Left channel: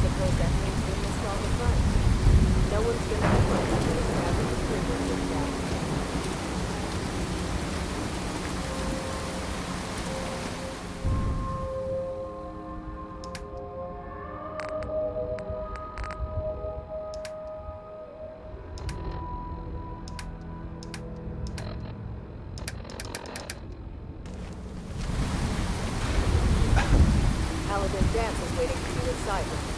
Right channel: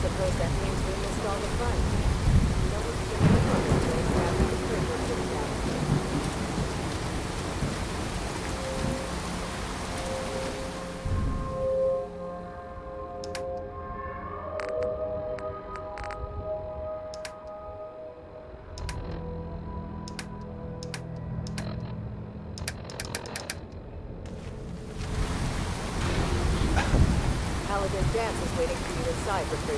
Suppose that means we missed all the fun. No one's gonna be on that race after the privilege is down. Paladin Dance is waiting for you inside with me.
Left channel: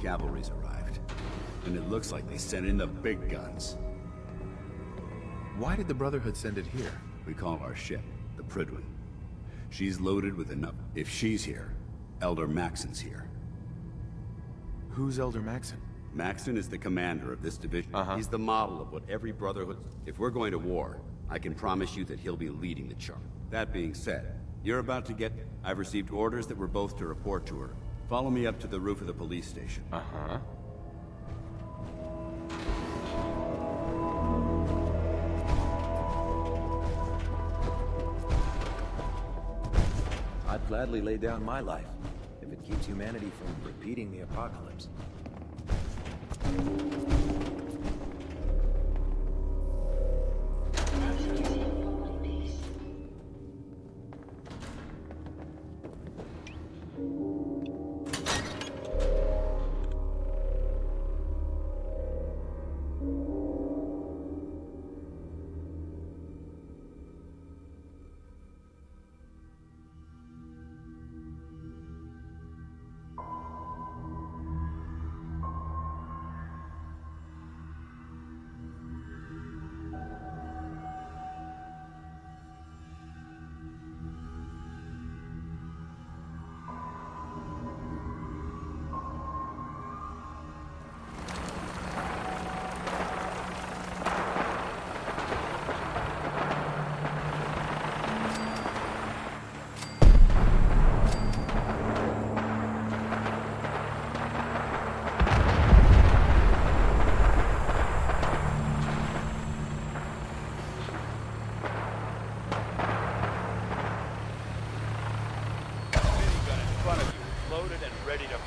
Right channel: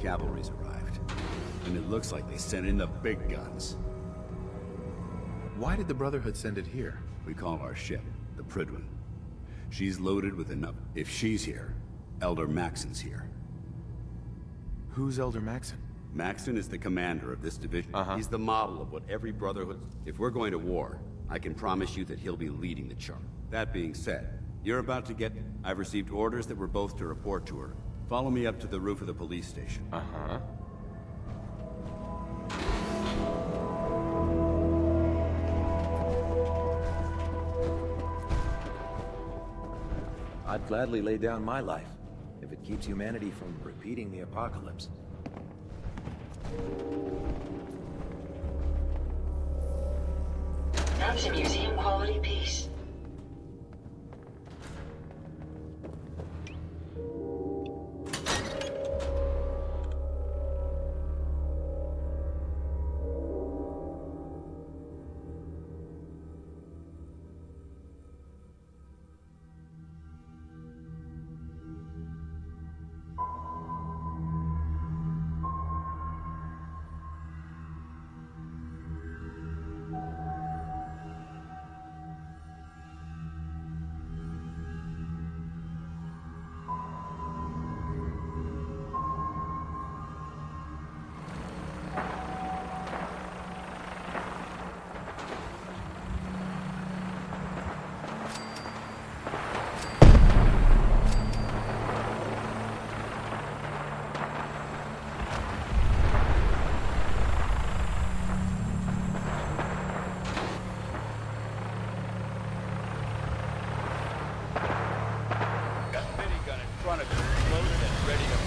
Cavalry's arrived, and it looks like they sent in the big guns. Why did the Brotherhood send it here? We call our ship the Prydwen. She's loaded with enough. If she's here, Elder Maxon's here. Who's Elder Maxon? Maxon is the commander of this division. He's the model of what every Brotherhood... If we're going to war, I can promise you that he'll be leading the charge. That being said, you're about to get... I've received orders that we're both to report to her. Follow me up to the roof of the police station. I'd gladly lay down my life, if it keeps humanity from repeating the apocalypse. That's a museum-quality piece.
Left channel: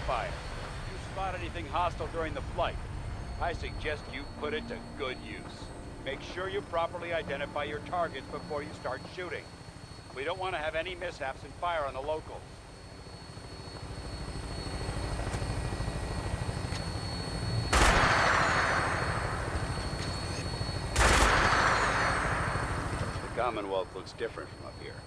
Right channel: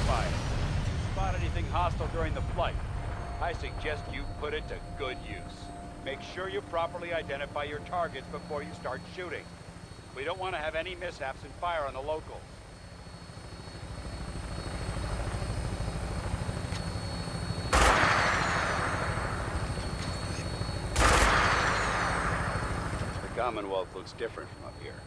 fire. If you spot anything hostile during the flight, I suggest you put it to good use. Make sure you properly identify your targets before you start shooting. We don't want to have any mishaps and fire on the locals. The Commonwealth looks different from up here,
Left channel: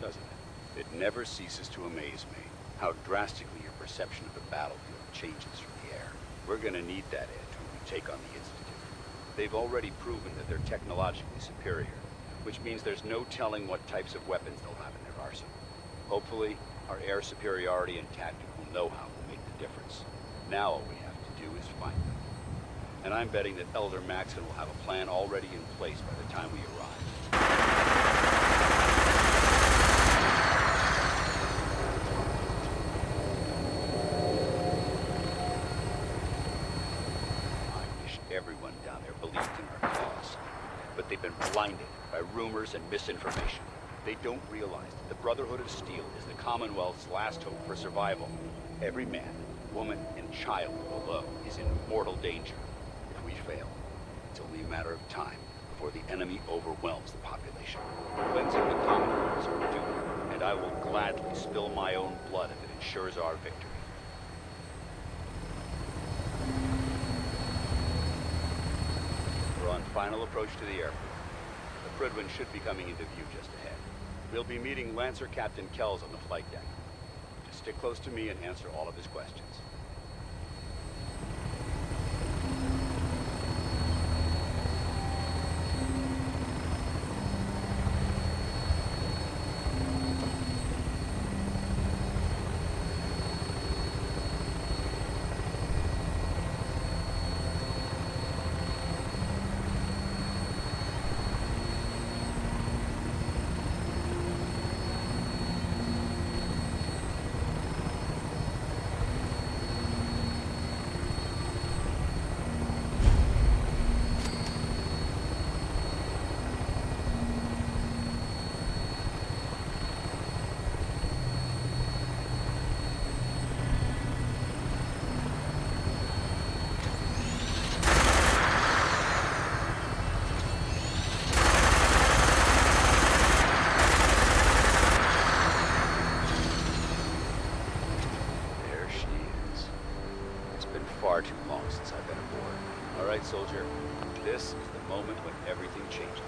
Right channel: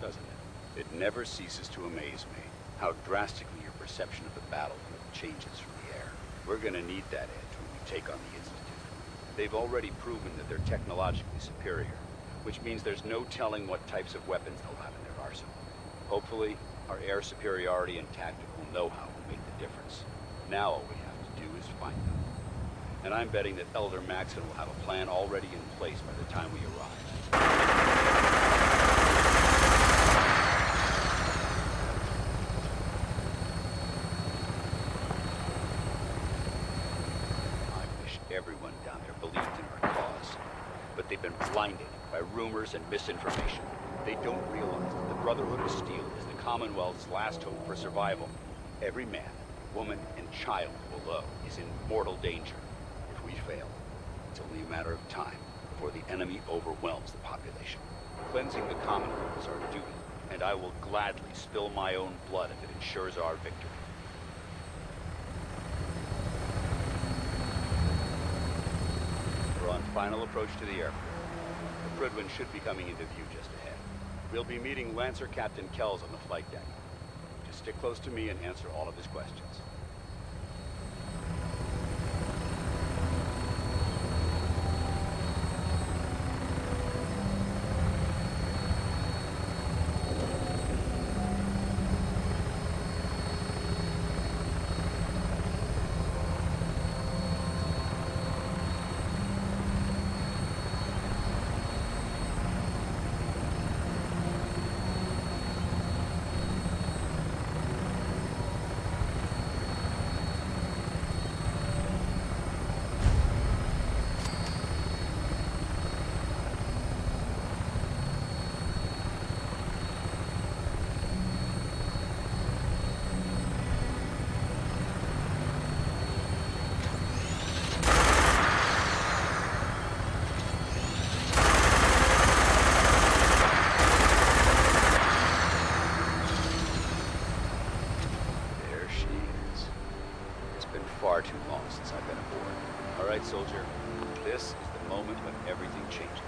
doesn't it? It never ceases to amaze me how drastically your perception of the battlefield changes from the air. We're gonna need that edge when we take on the Institute. They've already proven that they're technologically superior, which means there's no telling what types of weapons they'll have in their arsenal. Hopefully, our air superiority and tactical know-how will make the difference. Now all we have to do is find them. And I'm betting that Elder Maxson will have a plan already in place by the time we arrive. I wish everyone down there believed in our cause. But they've been blinded by rumors and misinformation. They don't realize that the Brotherhood of Steel is the Commonwealth's last hope for survival. Every man, woman, and child below is in mortal danger. If we fail, it's only a matter of time before the enemy overwhelms the population. Cleansing the Commonwealth is our duty, and I will gladly spill my own blood if it ensures our victory. We're on final approach to the airport. The Prydwen should be coming into view just ahead. We'll be meeting Lancer Captain Kells on the flight deck. Just stick close to me and answer all of his questions. Far too long since I've been aboard. All right, soldier. This is the moment when everything changes.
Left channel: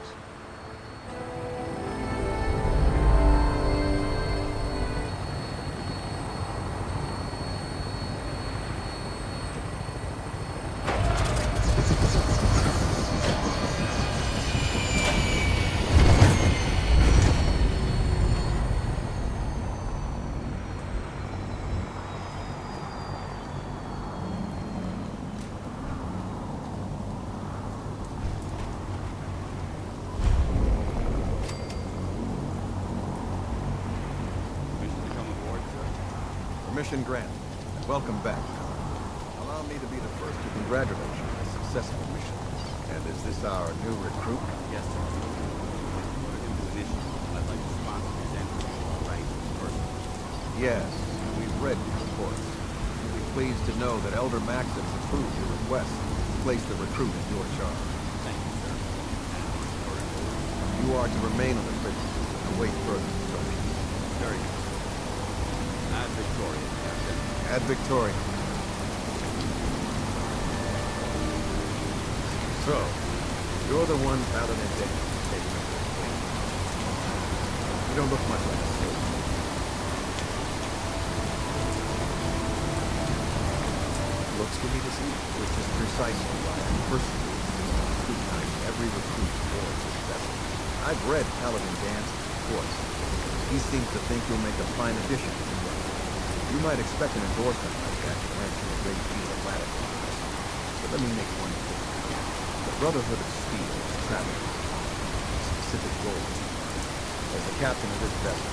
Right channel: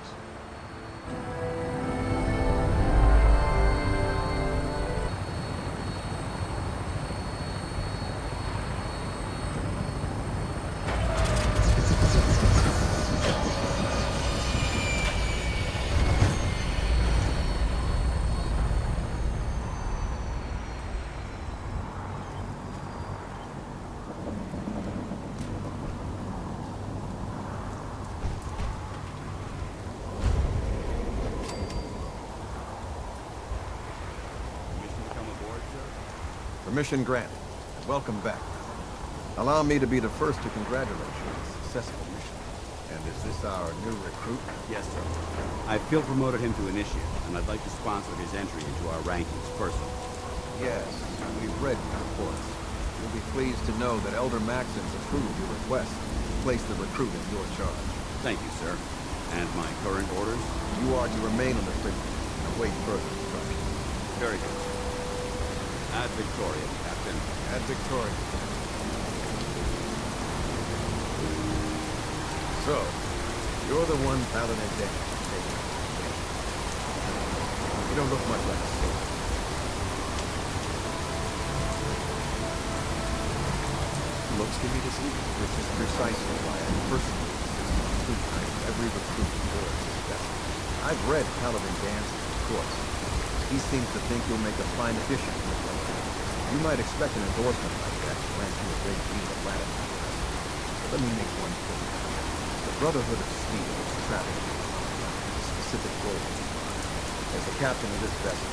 Permission granted, and welcome back, Paladin. Allow me to be the first to congratulate you on a successful mission. And is this our new recruit? Yes, sir. I field promoted him to initiate, and I'd like to sponsor his entry into our rankings personally. Yes, we've read your reports. You'll be pleased to know that Elder Maxson's approved your request to place the recruit in your charge. Thank you, sir. And my current orders? You are to remain on the Prydwen and await further instructions. Very good. Ad Victoria, Captain. Ad Victoria. So, you're the one Paladin Day taking up this way. You don't look much like a soldier. Looks give me deceit, which is precisely why I personally insist on scrutinizing every recruit aboard this vessel. I've read Paladin Dance's reports. He seems to think you'll make a fine addition to the Brotherhood. You might expect an endorsement like that to grant you a great deal of latitude. But let me make one thing clear. The Brotherhood of Steel is traveling to the Commonwealth with specific goals in mind. As the captain of this vessel,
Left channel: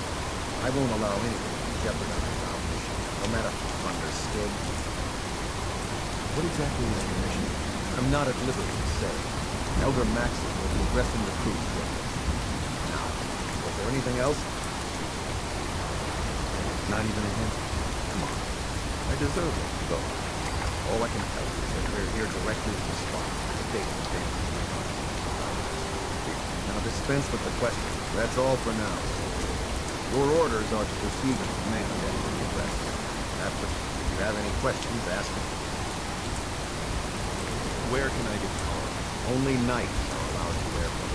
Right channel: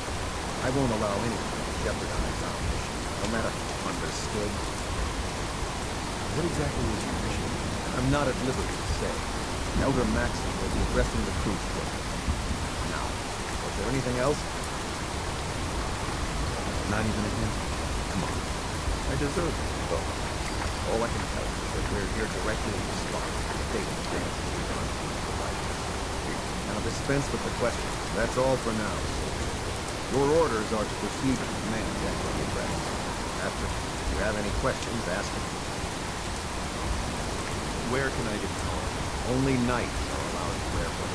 I won't allow anyone to jeopardize our mission, no matter. Understood? What exactly is your mission? I'm not at liberty to say. Elder Maxson will be addressing the crew shortly. Now, was there anything else? Not even a hint? Come on. I deserve it, though. All I can tell you is that we're here directly in response to the data the Dances reconnaissance provided us. Now dispense with the questions. That's all for now, soldier. Your orders are to proceed with command after the arrest. After, if you have any questions, ask them. Where can I get power? Only knights are allowed to wear them.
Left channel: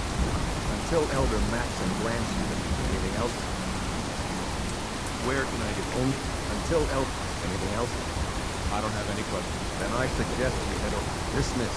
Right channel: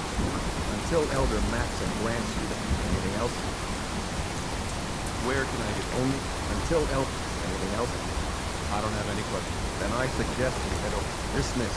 Until Elder Maxim grants you them. Anything else? Where can I get Only until Elder. Anything else? I don't have any questions. Then I suggest you head over. Dismiss.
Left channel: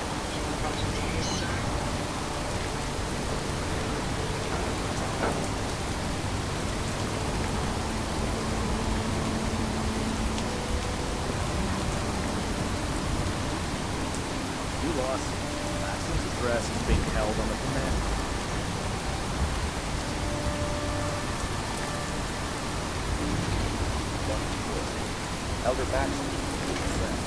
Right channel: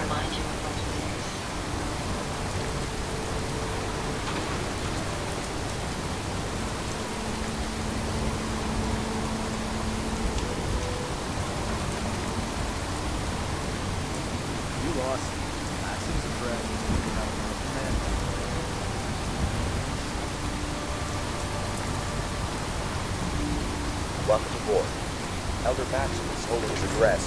Remind you of olden days. You lost. Maxim's address is being held on the command. Welcome aboard. Elder Maxim is holding his address.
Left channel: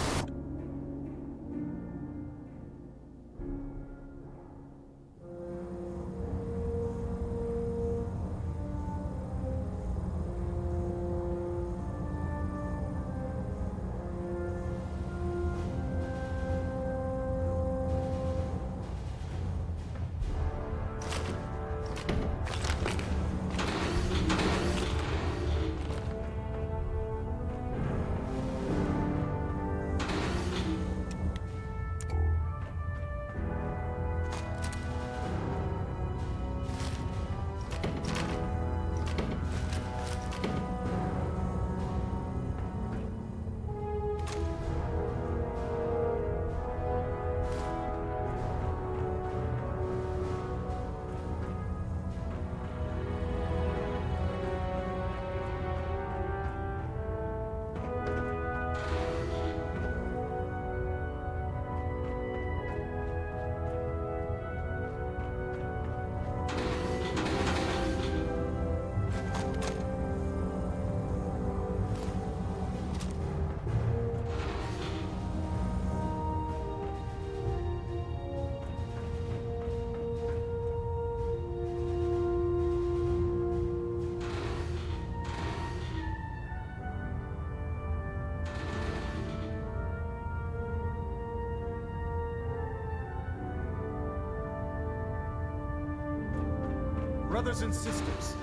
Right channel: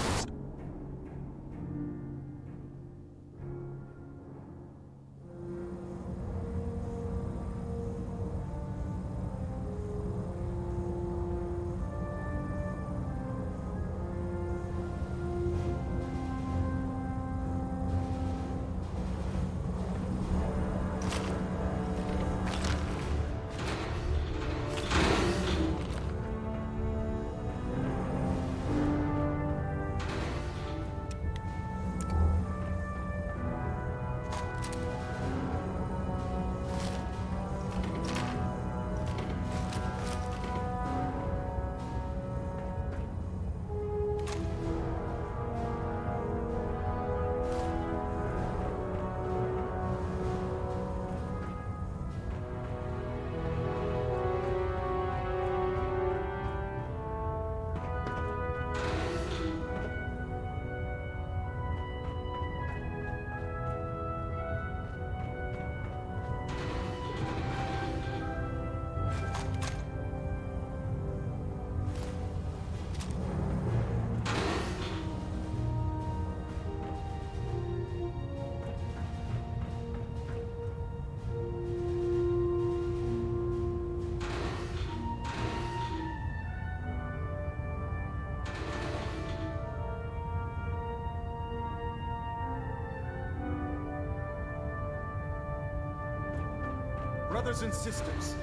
Brothers and sisters,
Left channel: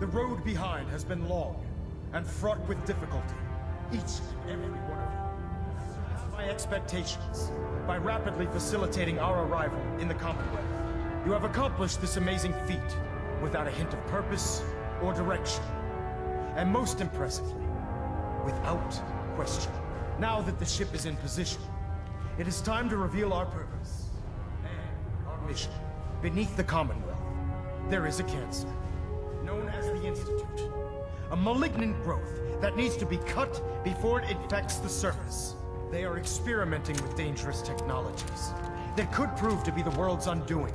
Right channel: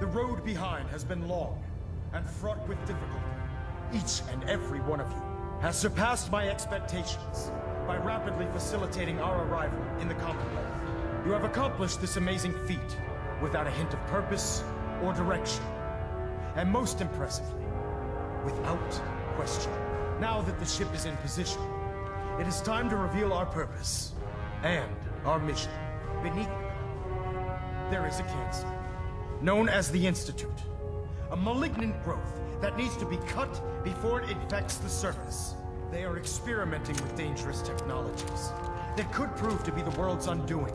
the road behind has been long and fraught with difficulty. Each and every one of you has surpassed my expectations by rapidly facilitating our arrival in the Commonwealth. You have accomplished this amazing feat without a hint of purpose or direction. And most impressively, without question. Now that the ship is in position, it is time to reveal our purpose and our mission. Beneath the Commonwealth, there is a cancer, known as the Institute. A malignant growth that needs to be cut before it infects the surface. They are experimenting with dangerous technologies that could prove to be the world's undoing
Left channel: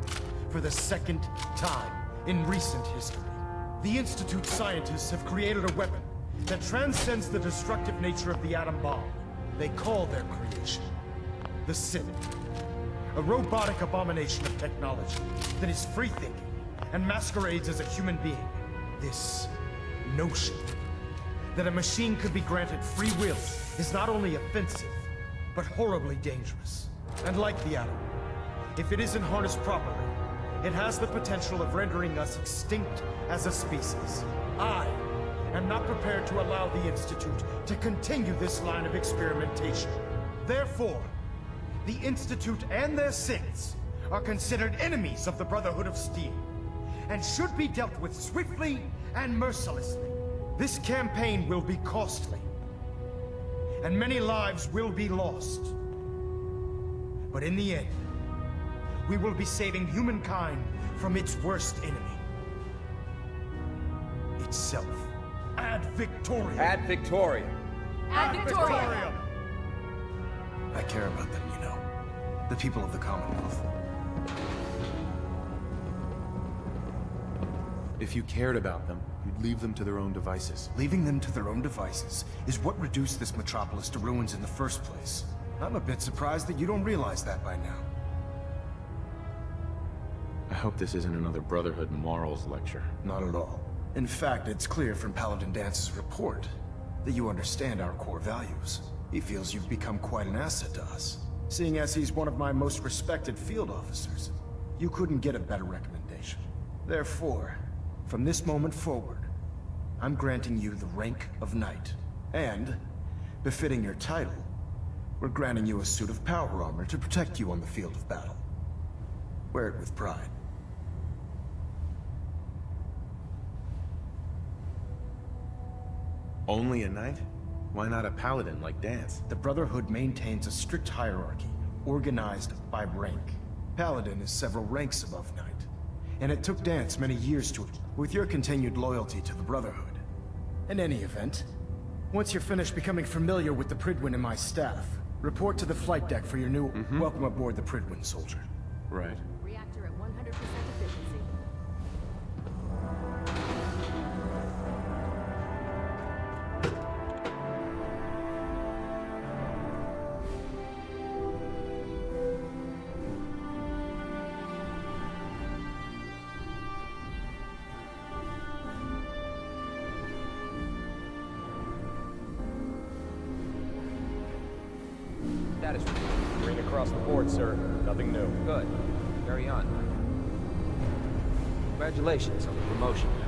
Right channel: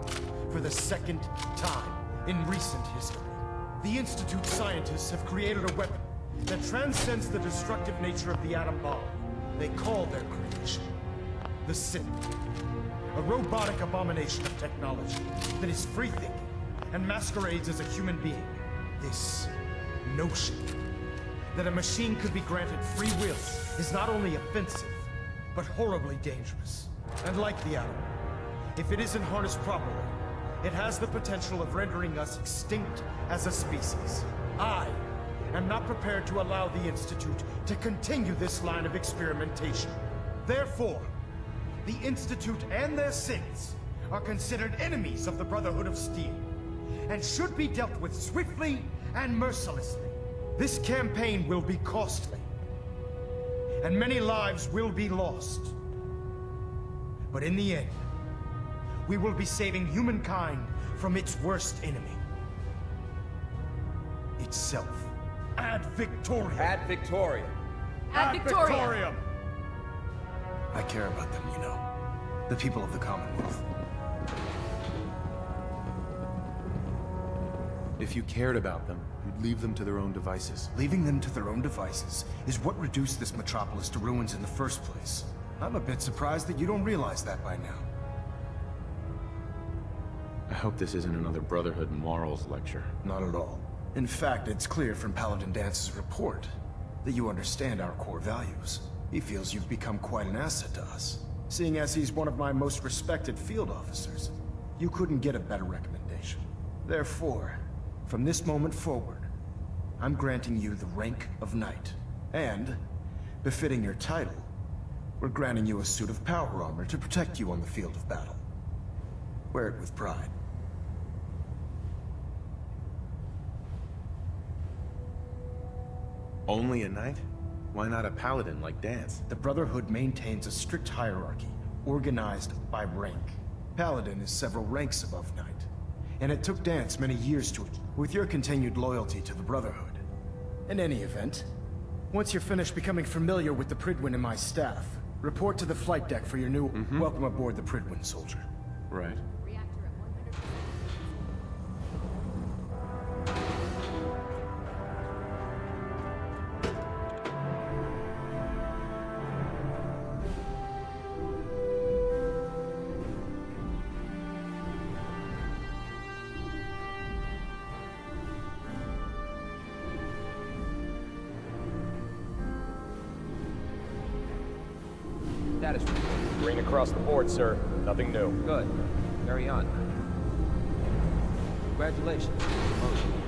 for the second time in recent history. The Institute scientists have created a weapon that transcends the destructive nature of the atom bomb. They call their creation the Synth. A robotic abomination of technology that is free-thinking and masquerades as a human being. This notion that a machine could be granted free will is not only offensive, but horribly dangerous. And like the atom, if it isn't harnessed properly, it has the potential of rendering us extinct as a species. I am not prepared to allow the Institute to continue this line of experimentation. Therefore, the Institute and their synths are considered enemies of the Brotherhood of Steel, and should be dealt with swiftly and mercilessly. This campaign will be costly, and many lives will be lost. But in the end, we will be saving humankind from its worst enemy. itself. Ad Victoriam! Ad Victoriam. Ad Victoriam! I care about them, you know. The people of the Commonwealth. If you cared about them, you'd leave them to their own devices. Leaving them to their own devices is what reduced this metropolis to ruins in the first place. I'm a bit surprised that you don't realize that by now. I hope this isn't another Brotherhood morals lecture. Not at all. In fact, it's clear from Paladin Dance's report that you understand our core values. He feels you've become quite an asset to us. Seeing as he's one of my most respected field officers, you couldn't get a better recommendation. Therefore, from this moment forward, I'm granting you the rank of Knight. And, befitting your title, we're granting you a suit of power armor to protect you on the field of battle. Wear it with pride. Only a knight? Why not a paladin like Dance? The Brotherhood maintains a strict hierarchy, organized by rank. Paladin is several ranks above Knight, and it took Dance many years to achieve. With your continued loyalty to the Brotherhood. In any event, once you're finished becoming familiar with the Prydwen and my staff, report to the flight deck for your new welcome aboard the Prydwen, soldier. Right. Reactor at 100% efficiency. Status report. Green across the board, sir. Nothing new. Good. Carry on, Knight. Congratulations on the promotion, Knight.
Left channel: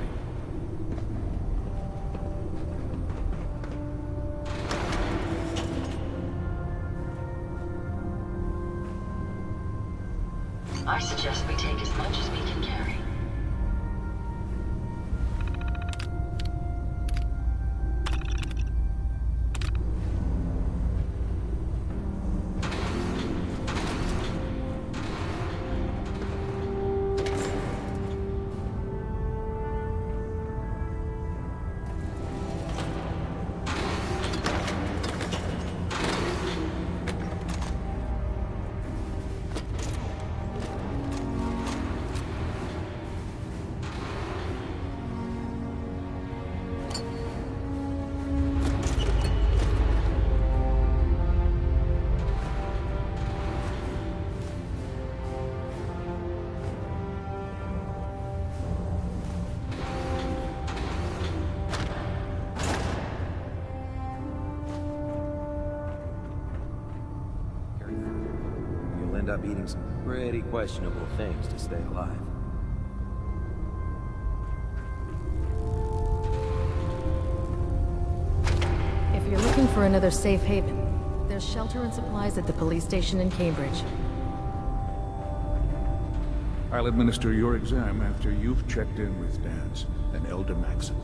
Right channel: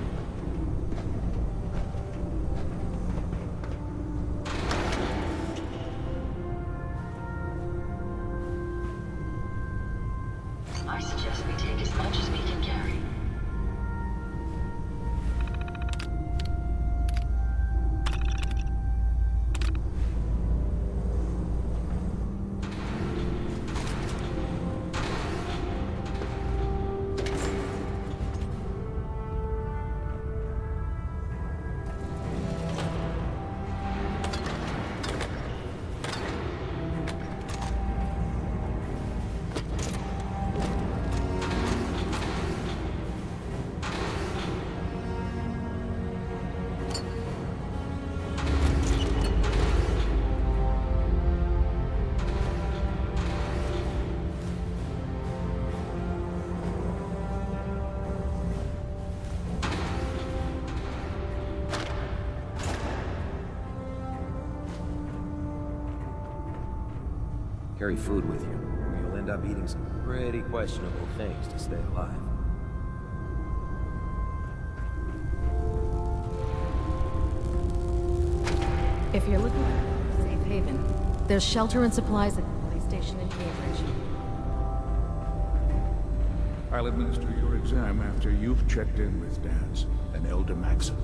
I suggest we take as much as we can carry. Carry food with you, or you'll end up eating some pretty questionable things to stay alive. If you're looking for another safe haven, there's shelter and supplies at the police station in Cambridge. I'll administer your exam after you've checked in with Dance and Elder Maxon.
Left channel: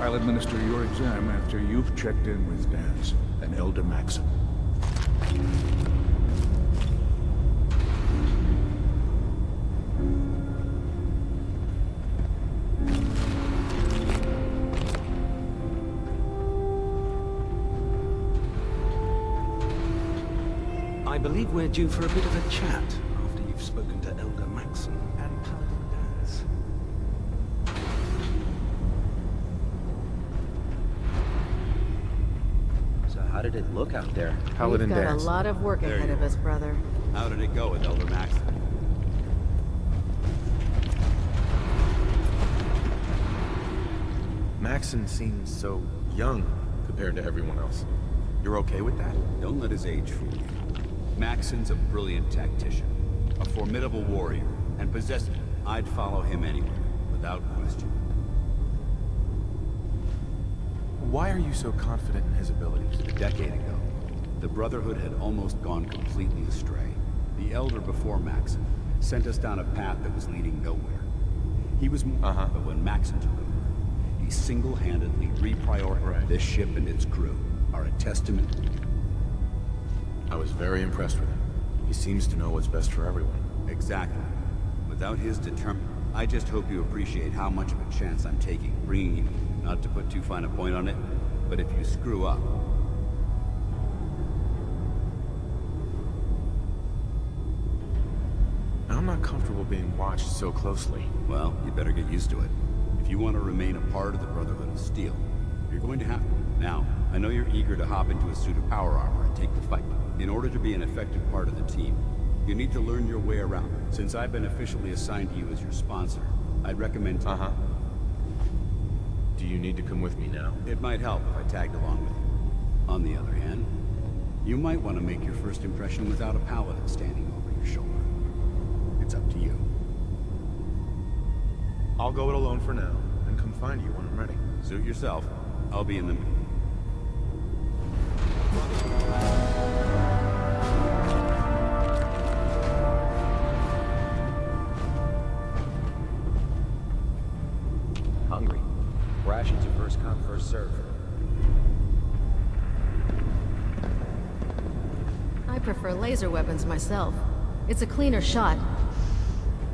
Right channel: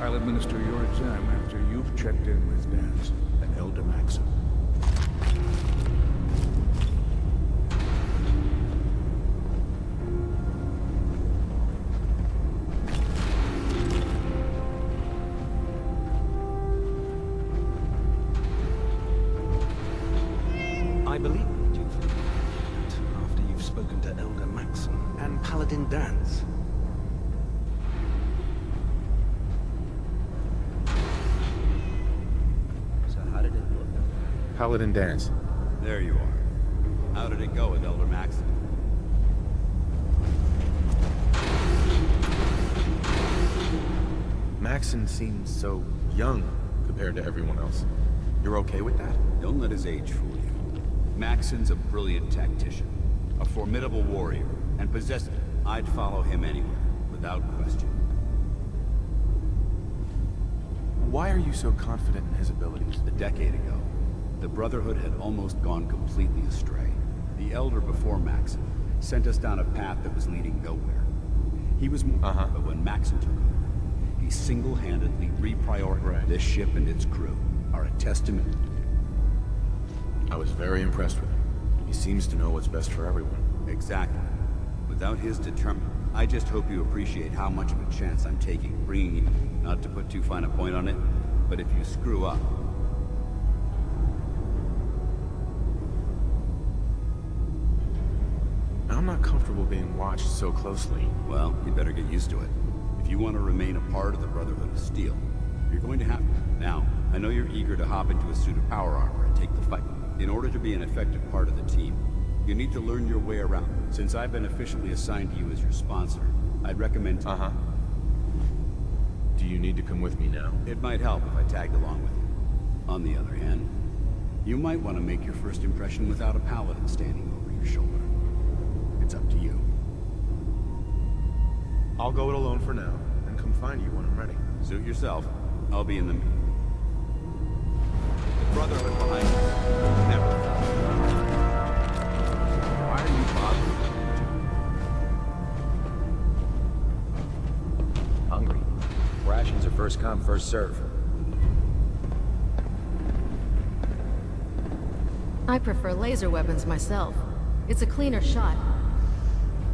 I'll administer your exam after you've checked in with Dance and Elder Maxon. I believe we're due for a bit of a chat after you've spoken to Elder Maxon and Paladin Dance. So how did it look out there? Paladin We've got Dance. a lot of work There ahead you of us, are. brother. How did it go with Elder Maxon? Maxon seems so young compared to everyone else. You're okay with that? Don't let his age fool you. Maxon's a brilliant tactician, a formidable warrior, and possessed. I'd follow him anywhere, without question. Why are you so confident in his abilities? A decade ago, the Brotherhood had almost gone completely astray. The Elder before Maxon sent us down a path that was leading nowhere. He was more, but when Maxon took over, he single-handedly reprioritized this ship and its crew. Are a testament. I was very impressed with him. He seems to know what's best for everyone. Exactly. Without his I just hope you appreciate how much of a chance I'm taking, bringing you. Not to put too fine a point on it, but if you screw up... I'm not comfortable being watched so closely. Well, you better get used to it. If you want to remain a part of the Brotherhood of Steel, you're going to have to. Now, I know you're eager to hop into a suit of power armor and take the fight. In order to be an effective part of the team, you need to learn your way around. Since I've been officially assigned to you as your sponsor, I'd recommend... Do you need to come with me now? It might help if I tagged along with you. On the other hand, you might want to make your first impression without a paladin standing over your shoulder. It's up to you. I'll go it alone for now, and come find you when I'm ready. Suit yourself. I'll be in the... Brotherhood behind you. Never. Why are you bothering? Hungry. Rations are first come, first serve. I prefer laser weapons myself. It's a cleaner shot.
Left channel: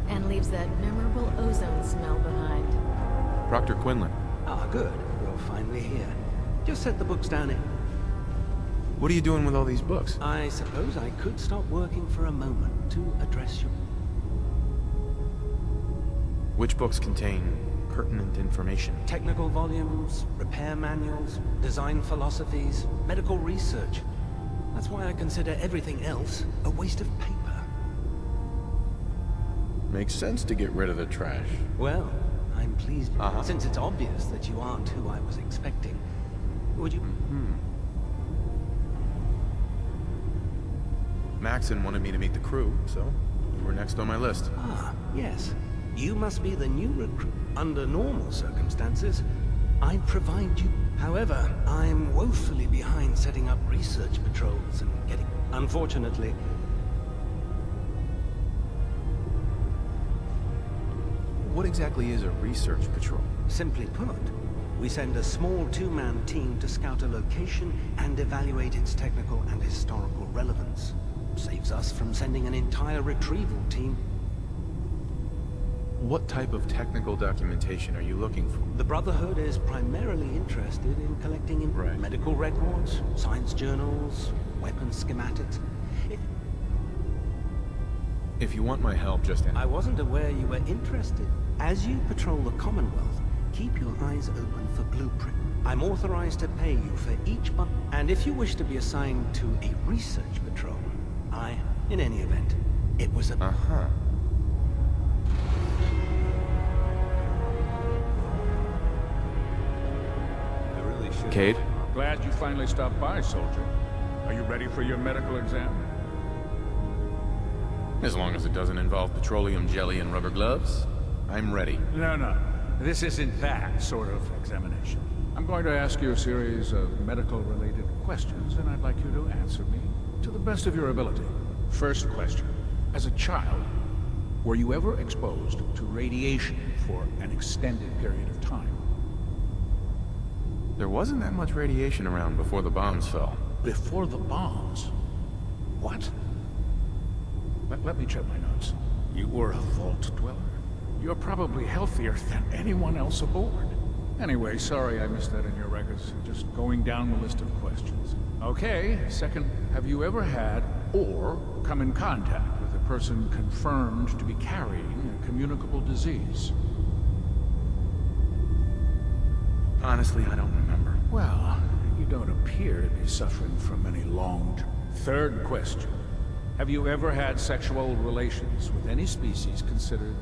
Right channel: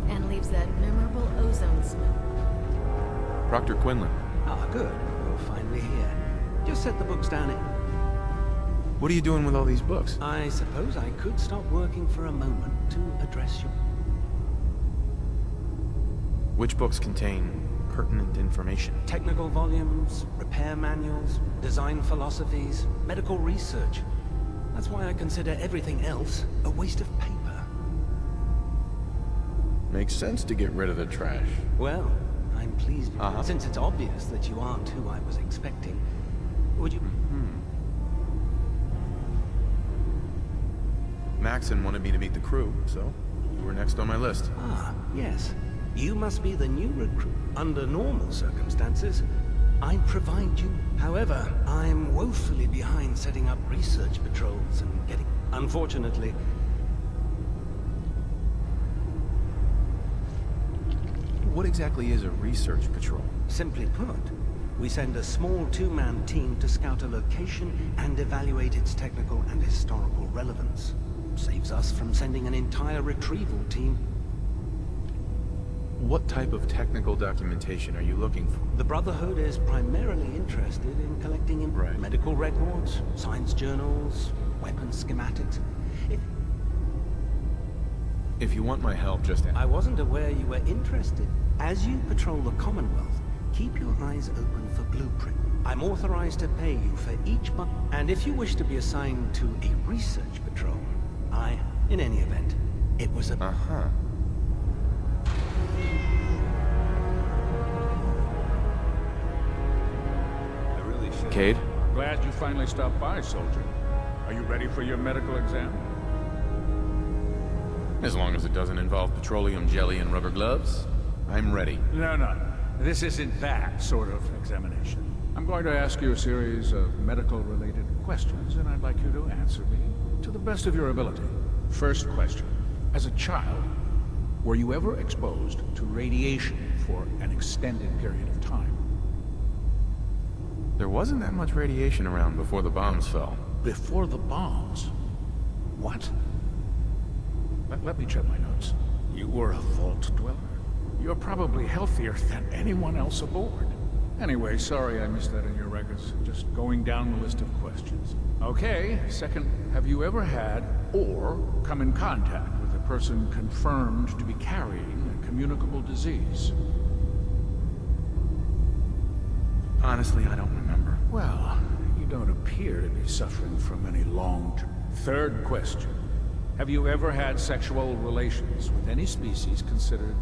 And leaves that memorable ozone smell behind. Proctor Quinlan. Ah, good. You're finally here. Just set the books down in. What are you doing with all these books? I suppose I could stop working for a moment to address your... Which books contain pertinent information? Technical volumes, repair manuals, design philosophies, medical research. That's why I consider everything else a waste of paper. Makes sense to get rid of the trash. Well, I'm pleased. Since it's obvious that you aren't who I was expecting, would you... Maxon wanted me to meet the crew, so you were next on my list. Ah, yes. You must be the new recruit. Under normal circumstances, I'd provide you. However, I'm woefully behind setting up research patrols and getting... Unfortunately... What exactly is a research patrol? Simply put, we send a small two-man team to scout a location and evaluate its technical and historical relevance. Saves us from sending an entire retrieval team. What type of technical documentation are you looking for? The Brotherhood is primarily interested in collecting medical records, science journals, weapons schematics. If you want my help, just ask. I wasn't aware you were interested. As you patrol the Commonwealth, keep your eyes open for blueprint. I'm authorized to pay you for each month, and if you wish to be assigned to a research patrol, in any event, it was a... I really should... Cade? Glad you finally stopped by, soldier. Are you ready for your medical exam? As long as it doesn't involve petroleum jelly and rubber gloves, I'm ready. No. This isn't that sort of examination. I'm going to ask you a series of medical-related questions, and I'd like you to answer me to the best of your ability. First question. As a child, were you ever exposed to radiation for an extended period of time? There wasn't that much radiation around before the bombs fell. Before the bombs? What? Let me check my notes. You were a vault dweller? You're probably healthier than anyone else aboard. Anyway, sorry I missed that in your records. Just going down the list of questions. Okay, second, have you ever had or come in contact with a person confirmed to be carrying a communicable disease? Honestly, I don't remember. Well, you don't appear to be suffering from any long-term... Third question. Have you ever had sexual relations with any species considered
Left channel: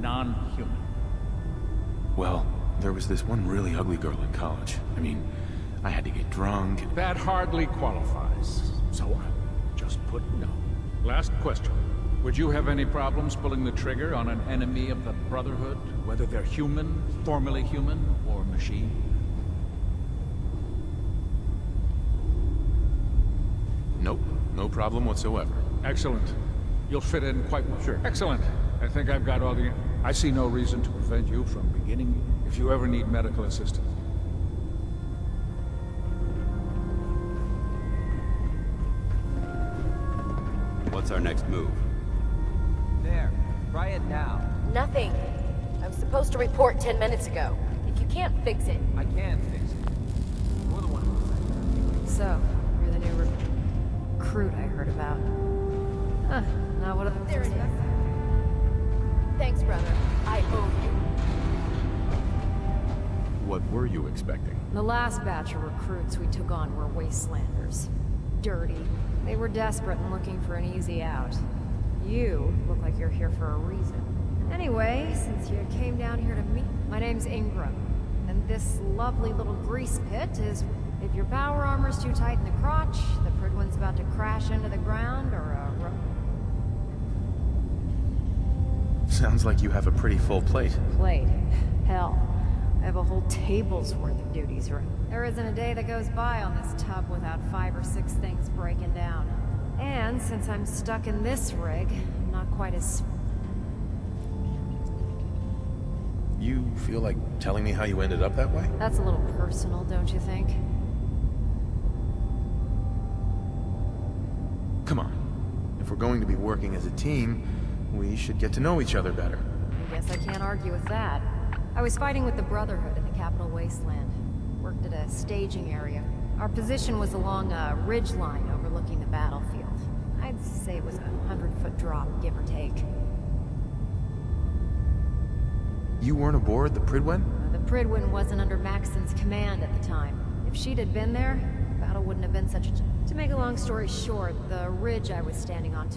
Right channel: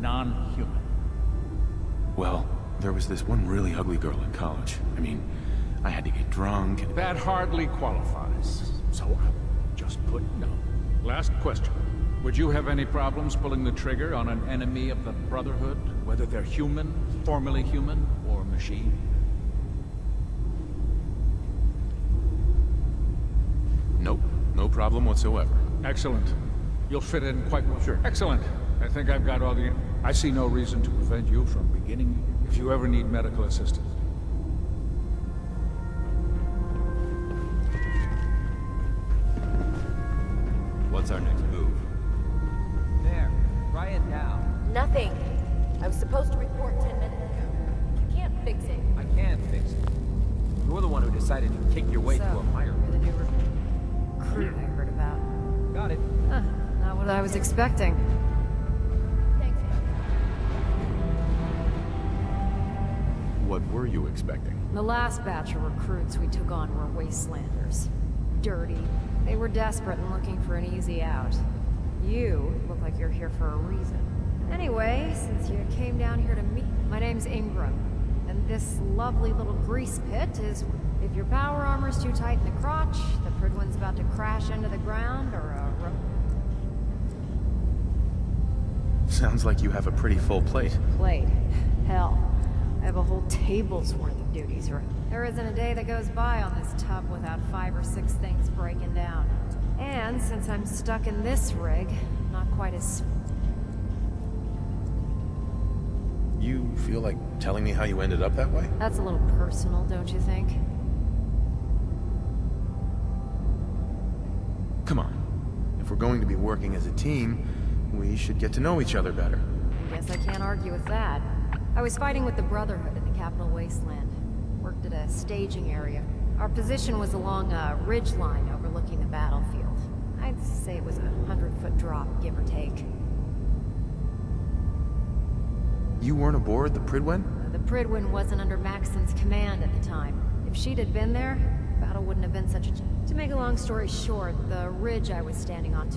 non-human? Well, there was this one really ugly girl in college. I mean, I had to get drunk and... That hardly qualifies, so I'll just put no. Last question. Would you have any problems pulling the trigger on an enemy of the Brotherhood, whether they're human, formerly human, or machine? Nope, no problem whatsoever. Excellent. You'll fit in quite well. Sure. Excellent. I think I've got all the... I see no reason to prevent you from beginning if you ever need medical assistance. What's our next move? There. Try it now. Nothing. I was supposed to report 10 minutes ago. If you can't fix it... I can fix it. You're the one who decided to take your way to a fire. You're the new recruit I heard about. Got it. Huh, not what I was expecting. Thanks, brother. I owe you. What were you expecting? The last batch of recruits we took on were wastelanders. Dirty. They were desperate and looking for an easy out. You look like you're here for a reason. Anyway, since you came down here to meet, my name's Ingram. And this lovely little grease pit is... If your power armor's too tight in the crotch, the Prydwen's about to crash into the ground, or a Sounds like you have a pretty full plate. Plate? Hell. I have a whole table's worth of duties around. There isn't a day that goes by on this tub without 5 or 6 things breaking down. And since I'm stuck in this rig, I'm not quite as... You feel like telling me how you ended up that way? That's a little personal, don't you think? Come on. If we're going to be working as a team, we should get to know each other better. I guess I can't argue with that. I was fighting with the Brotherhood in the Capital Wasteland. Worked at a staging area. Our position was along a ridge line overlooking the battlefield. I'd say it was a 100-foot drop, give or take. You weren't aboard the Prydwen? The Prydwen wasn't under Maxson's command at the time. If she'd had been there, the battle wouldn't have been such a... To make a long story short, the ridge I was standing on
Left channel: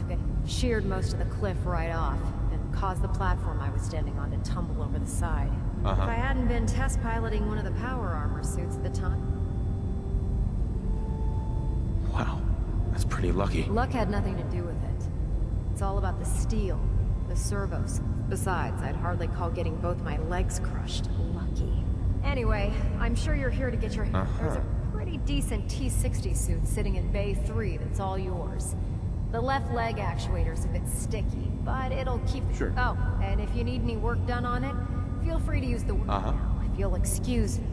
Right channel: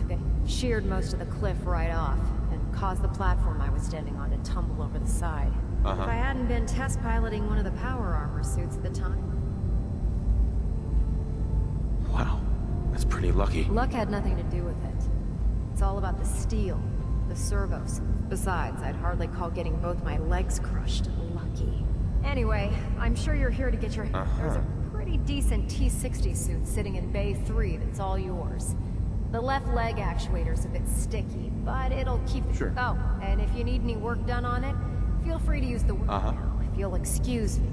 sheared most of the cliff right off, and caused the platform I was standing on to tumble over the side. If I hadn't been test piloting one of the power armor suits at the time... Wow, that's pretty lucky. Luck had nothing to do with it. It's all about the steel, the servos. Besides, I'd hardly call getting both my legs crushed lucky. Anyway, I'm sure you're here to get your... There's a pretty decent T-60 suit sitting in Bay 3 that's all yours. The left leg actuator's a bit sticky, but it'll keep... Sure. Oh, and if you need any work done on it, feel free to use the word now, if you'll excuse me.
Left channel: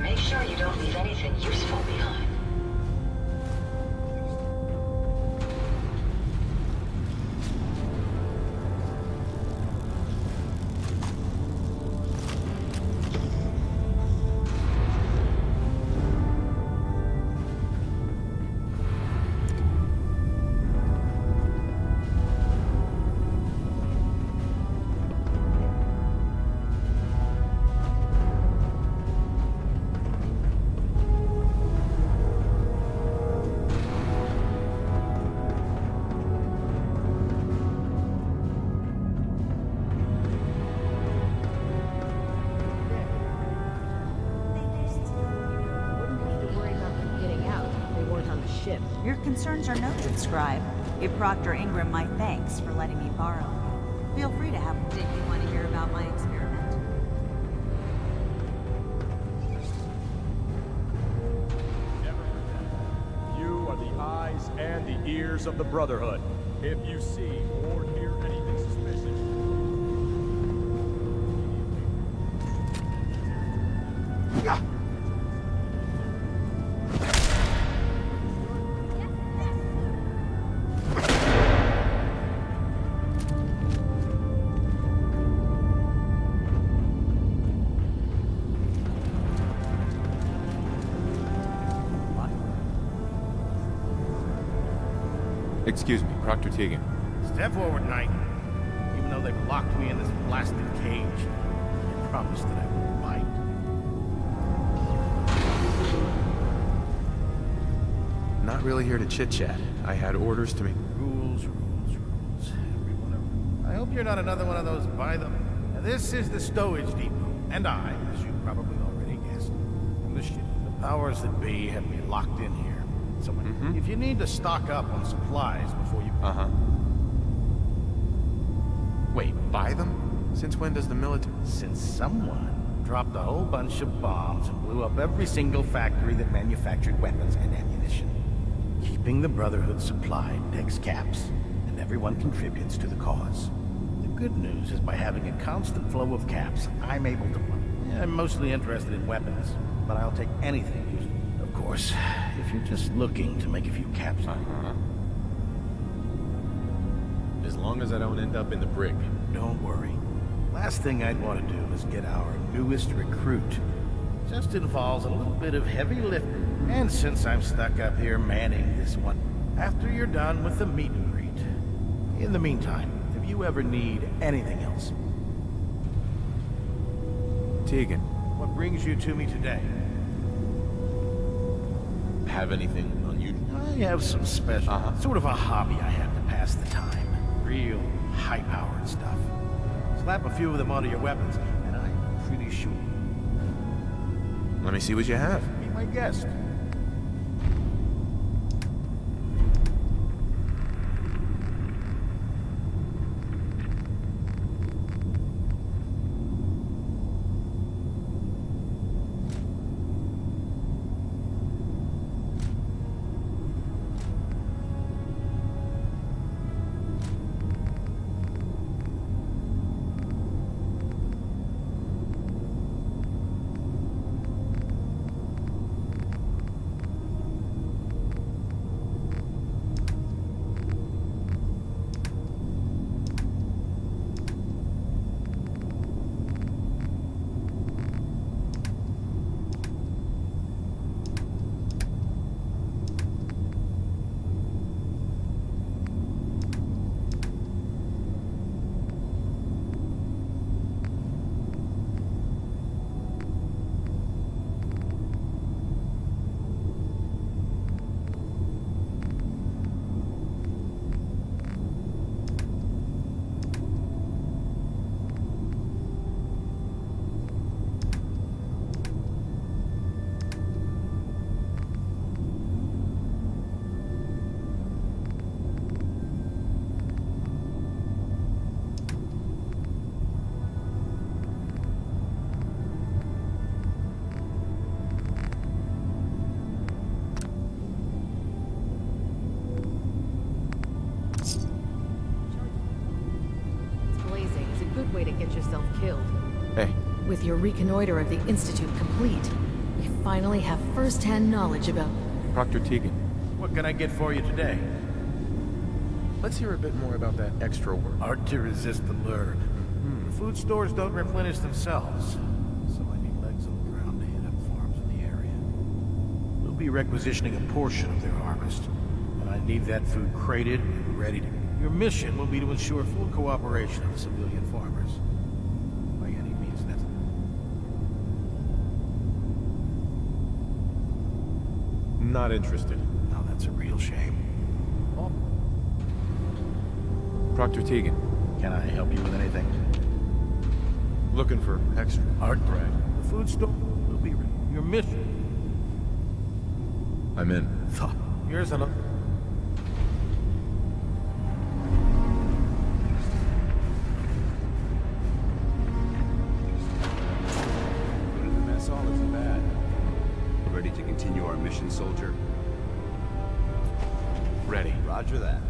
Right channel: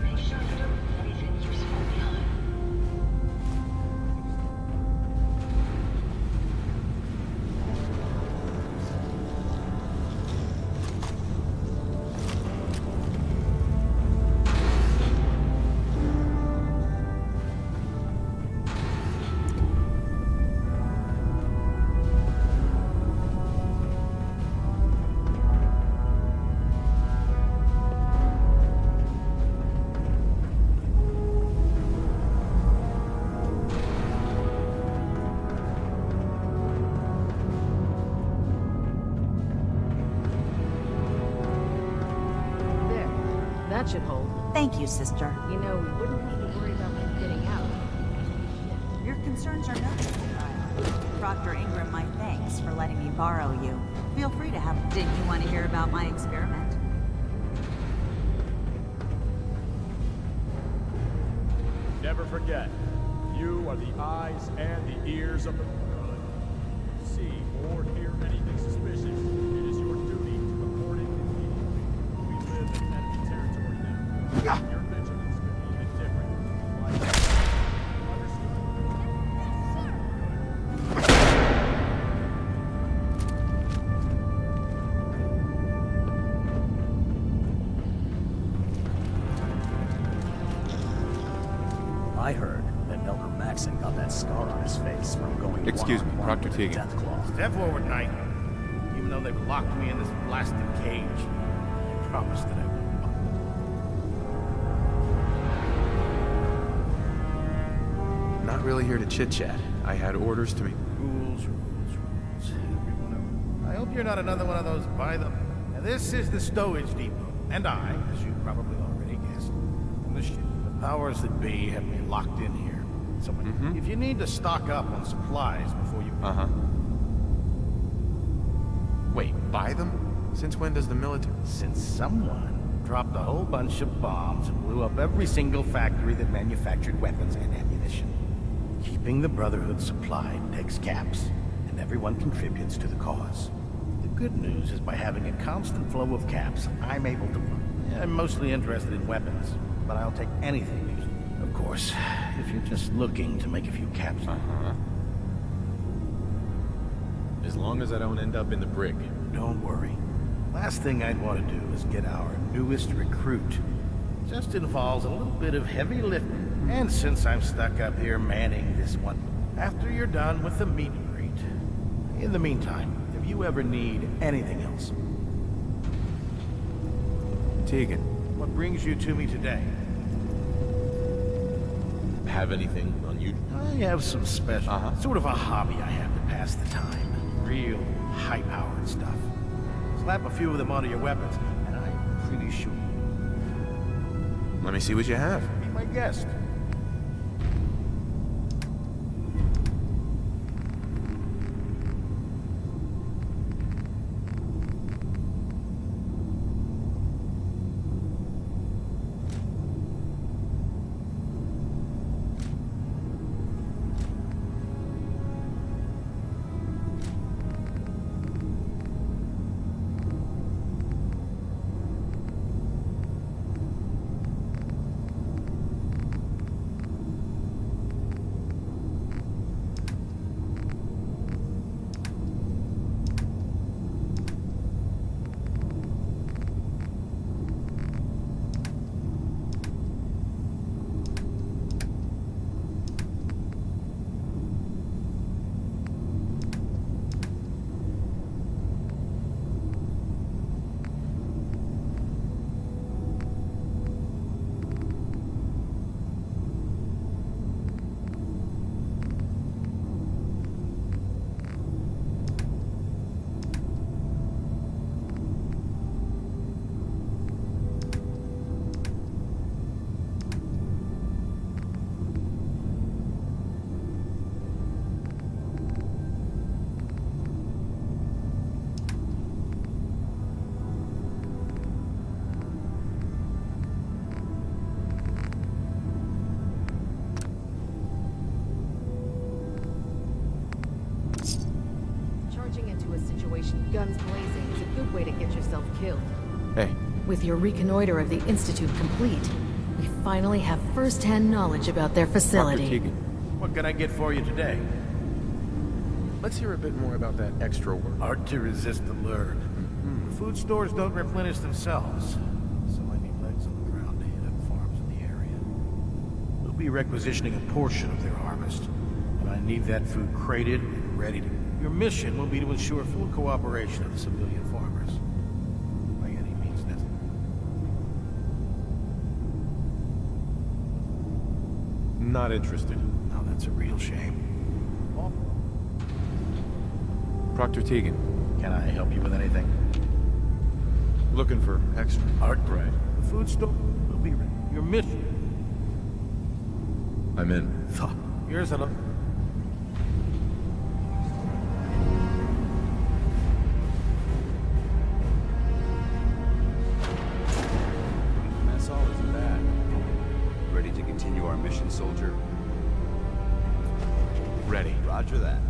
Make sure you don't leave anything useful behind. Should hold. Thank you, sister. You know, wouldn't have to worry about them getting out if we weren't on the ship. Your concerns are noted, Scribe. Give Proctor Ingram my thanks for letting me borrow you. Feel free to have... Did you want to hear about my experiment? Never forget, you are the eyes and the ears of the Brotherhood. If you see or hear anything suspicious, it is your duty to report it immediately. We live in enemy territory now. Your vigilance could be a bit different. I heard that Elder Maxson got that scar on his face from going... Excuse me, Proctor Tegan. Step forward, Knight. Even though they've locked me in this blasted cage, I promise that I won't bite. Not really here to chit-chat. I had orders to make... Rules. Every one of them. I hope you're not another one of those by the... Now, this is the stowage depot, and I, as you probably already guessed, from the ship. The powers that be have me locked in here. So if you need to stock up on supplies before you... Wait, buy them? Since when does the military... Since someone dropped a whole bunch of bombs and blew up every single factory that manufactured weapons and ammunition. Keeping the Brotherhood supplied takes caps, and everyone contributes to the cause. The good news is by having a constant flow of caps, I'm able to... I'm mostly interested in weapons, but I'll take anything used. Of course, if you're just looking to make a few caps... As long as I don't end up in the brig. Don't worry. Last thing I'd want to do is get our newest recruit. Just involves a little bit of heavy lifting. And since I'm stuck up here manning this one, after you're done with the meet and greet. In the meantime, if you ever need anything else... Tegan. What brings you to me today? Have anything on you? I have some special... Sort of a hobby I have to pass the time. Real high-powered stuff. Slap a few of them onto your weapons, and I'm pretty sure... Let me see what you have. Be my guest. Guns blazing is a good way to get yourself killed. Hey. With your reconnoiter of the Institute complete, we finally have first-hand knowledge about their facility. Dr. Tegan. What can I get for you today? Let's hear a bit more about that extra work. Hard to resist the lure. The food stores don't replenish themselves, so I need legs on the ground to hit up farms in the area. We'll be requisitioning a portion of their harvest, and I need that food crated and ready to... Your mission will be to ensure full cooperation of the civilian farmers. By any means necessary. Not interested. Now that's a real shame. Oh. Proctor Tegan. Can I help you with anything? Looking for extra. Art, right. The food store will be ready. Your mission. I'm in. Here's a look. All isn't bad. Ready to continue our mission, soldier? Ready. Roger that.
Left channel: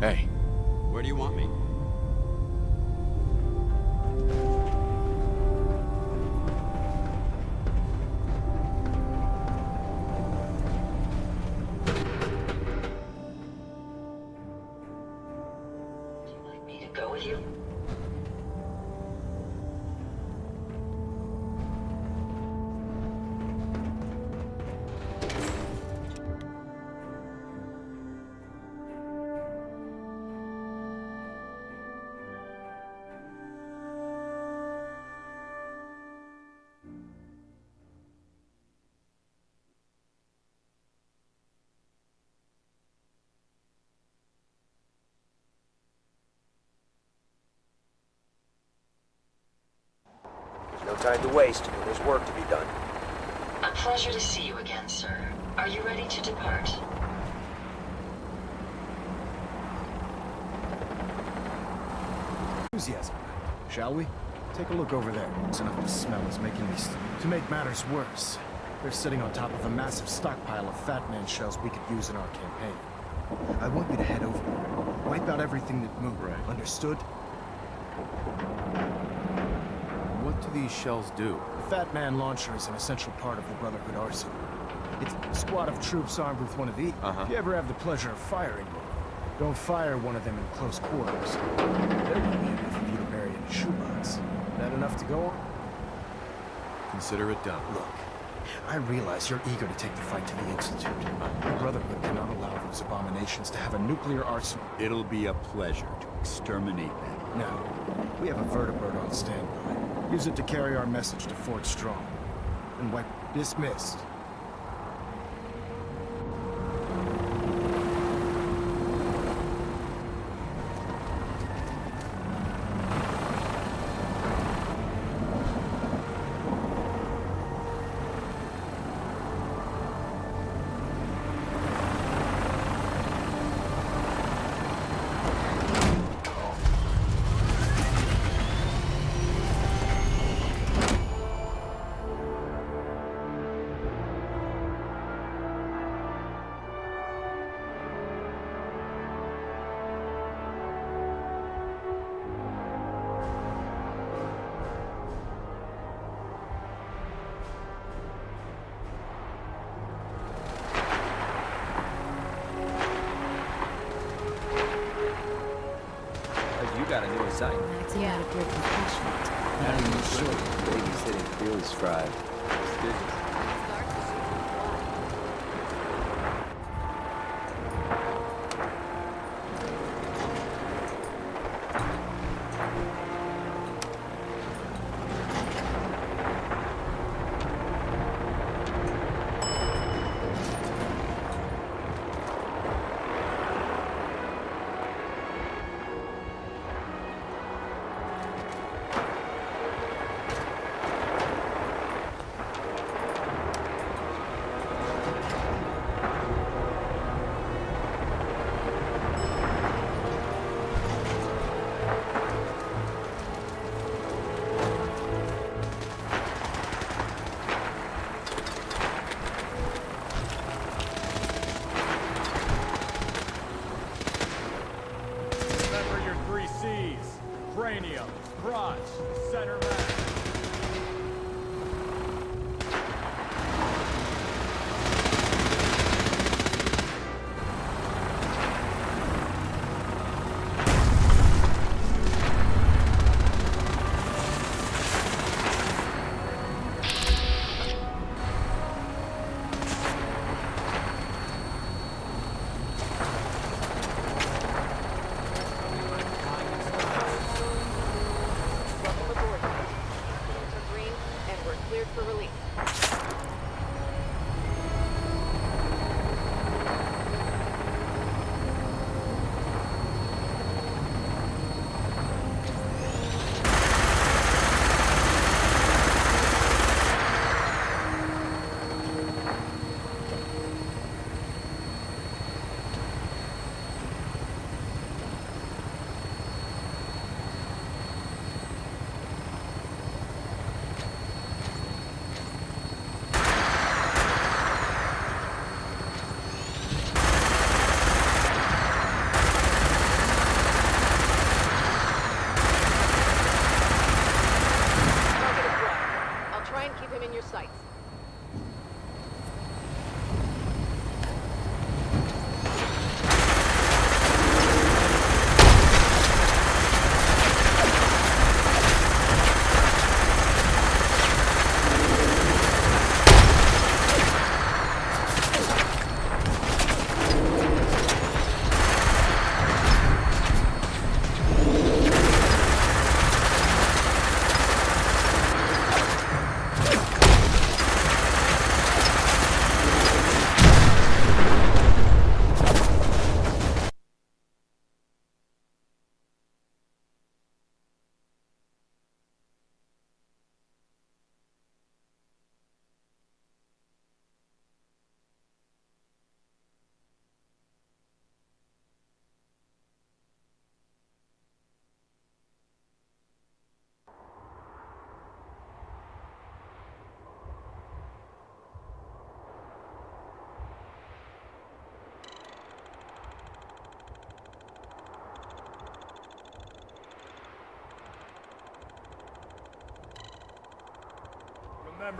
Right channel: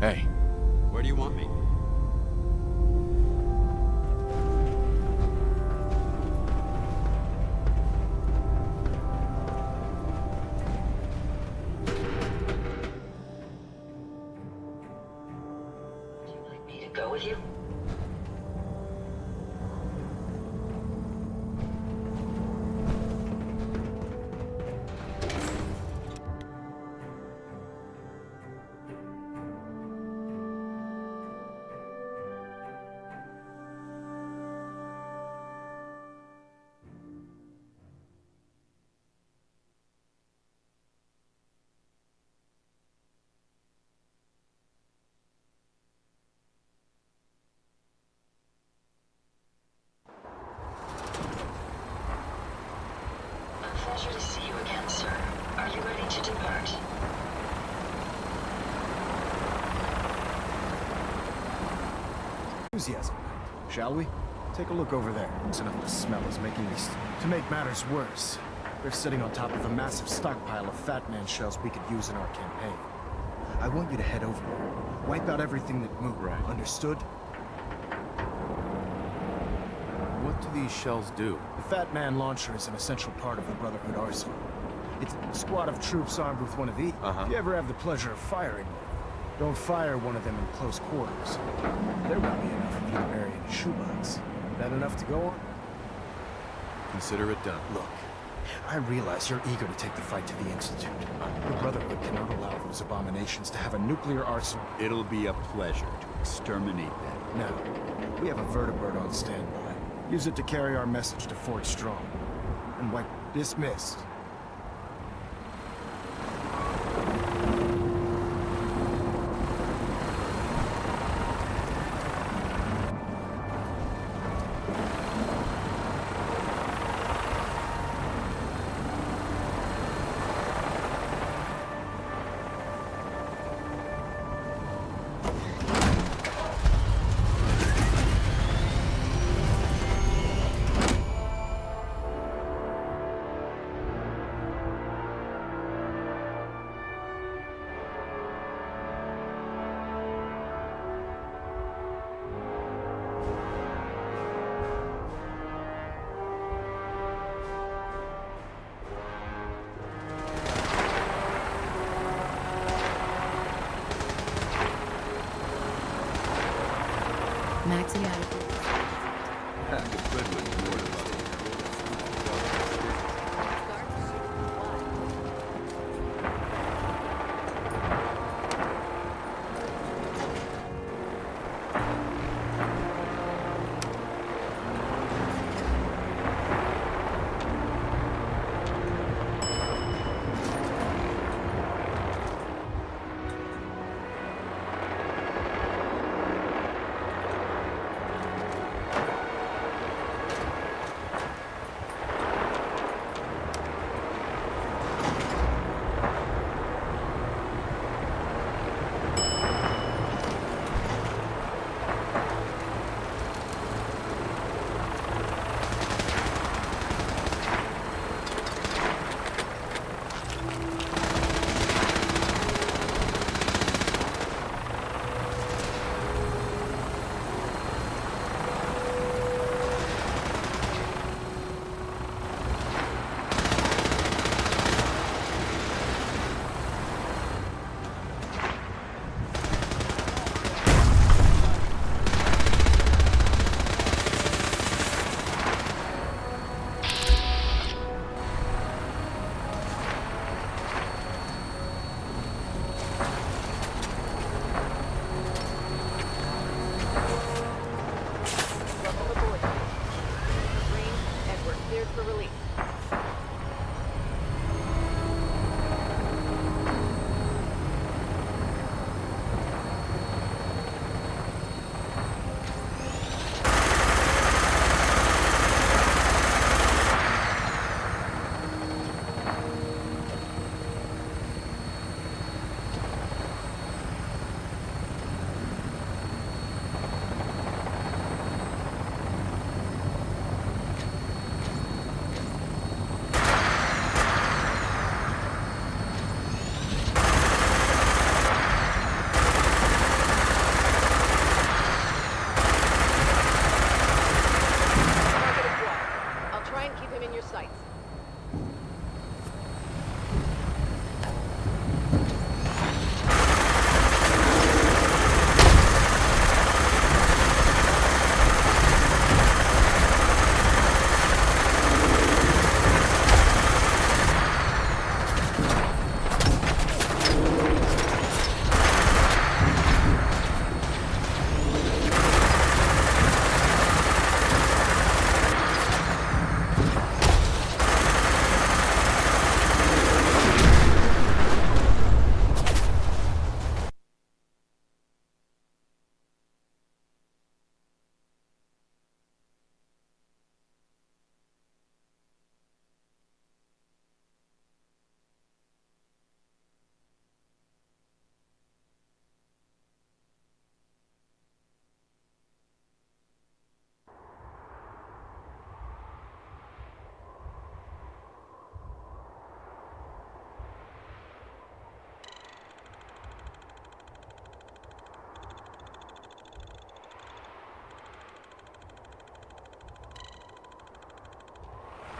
Hey. Where do you want me? Go with you? time to waste. There's work to be done. A pleasure to see you again, sir. Are you ready to depart? Enthusiasm night, shall we? Take a look over there. It's enough to smell is making me... To make matters worse, they're sitting on top of a massive stockpile of Fat Man shells we could use in our campaign. I want you to head over there. Wipe out everything that moved. Right. Understood? What do these shells do? The Fat Man launcher is an essential part of the Brotherhood arsenal. It's a squad of troops armed with one of these. If you ever have the pleasure of firing one, don't fire one of them in close quarters. There won't be enough of you to bury in a shoebox. That enough to go on? Consider it done. Look, I realize you're eager to take the fight to the Institute. The Brotherhood cannot allow those abominations to have a nuclear arsenal. It'll be a pleasure to exterminate them. Now, we have a vertibird on standby. Use it to carry our message to Fort Strong. And wipe dismissed. Maxing out a group of fish. And the city really strive.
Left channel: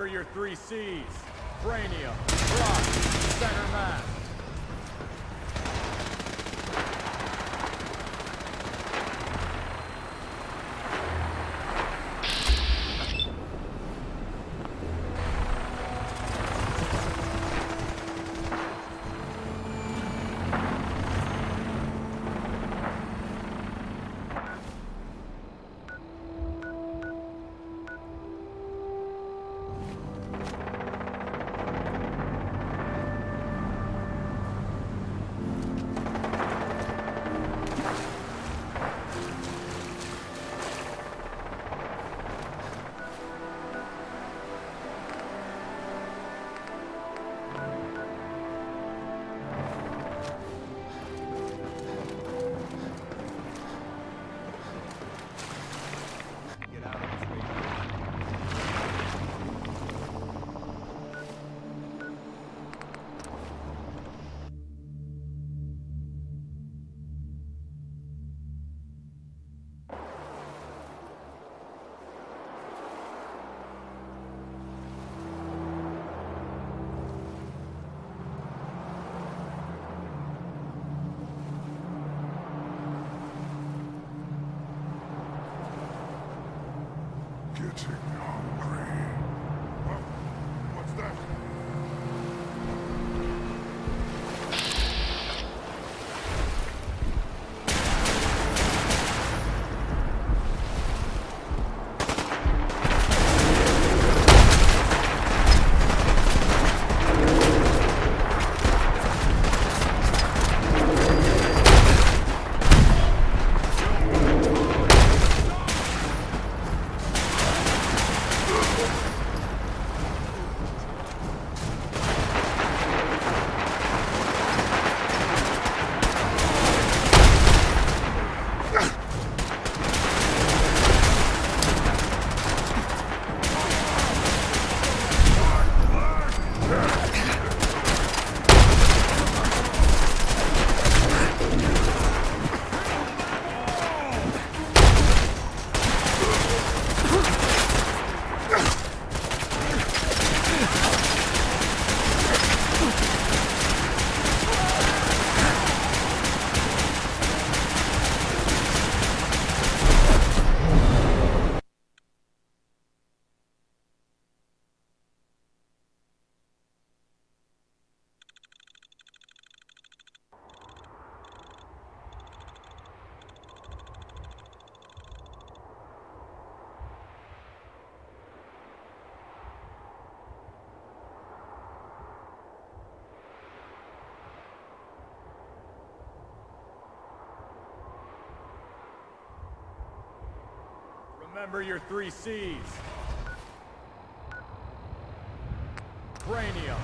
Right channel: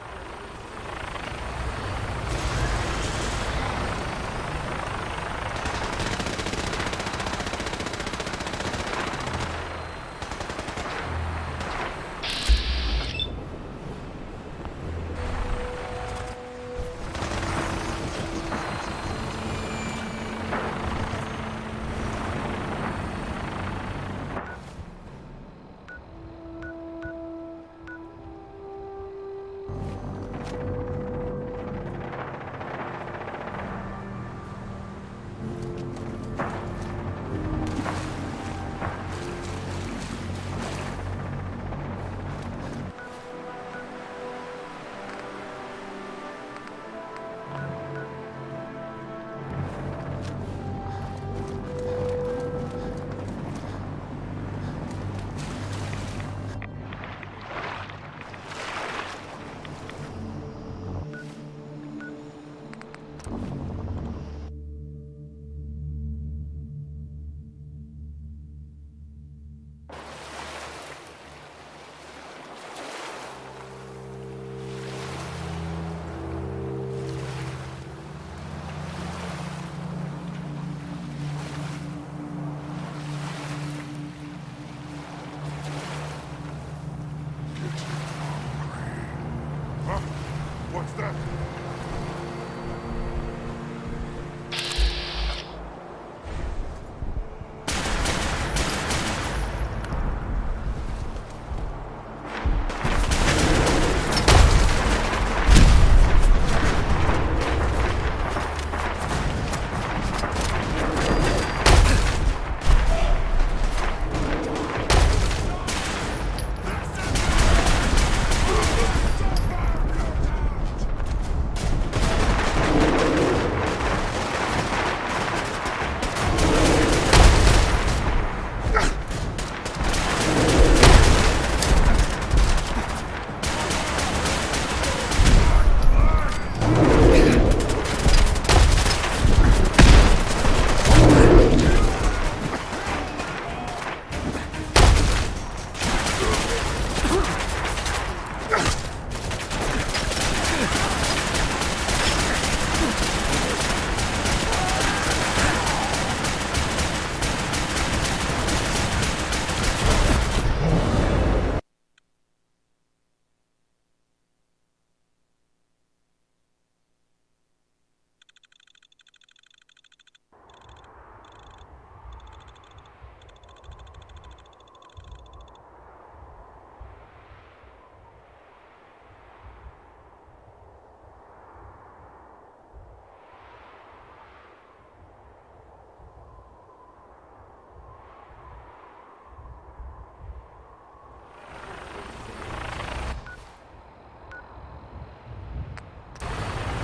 Remember your 3 C's. Cranium, rock, center mass. What's that? Remember your 3 C's. Cranium.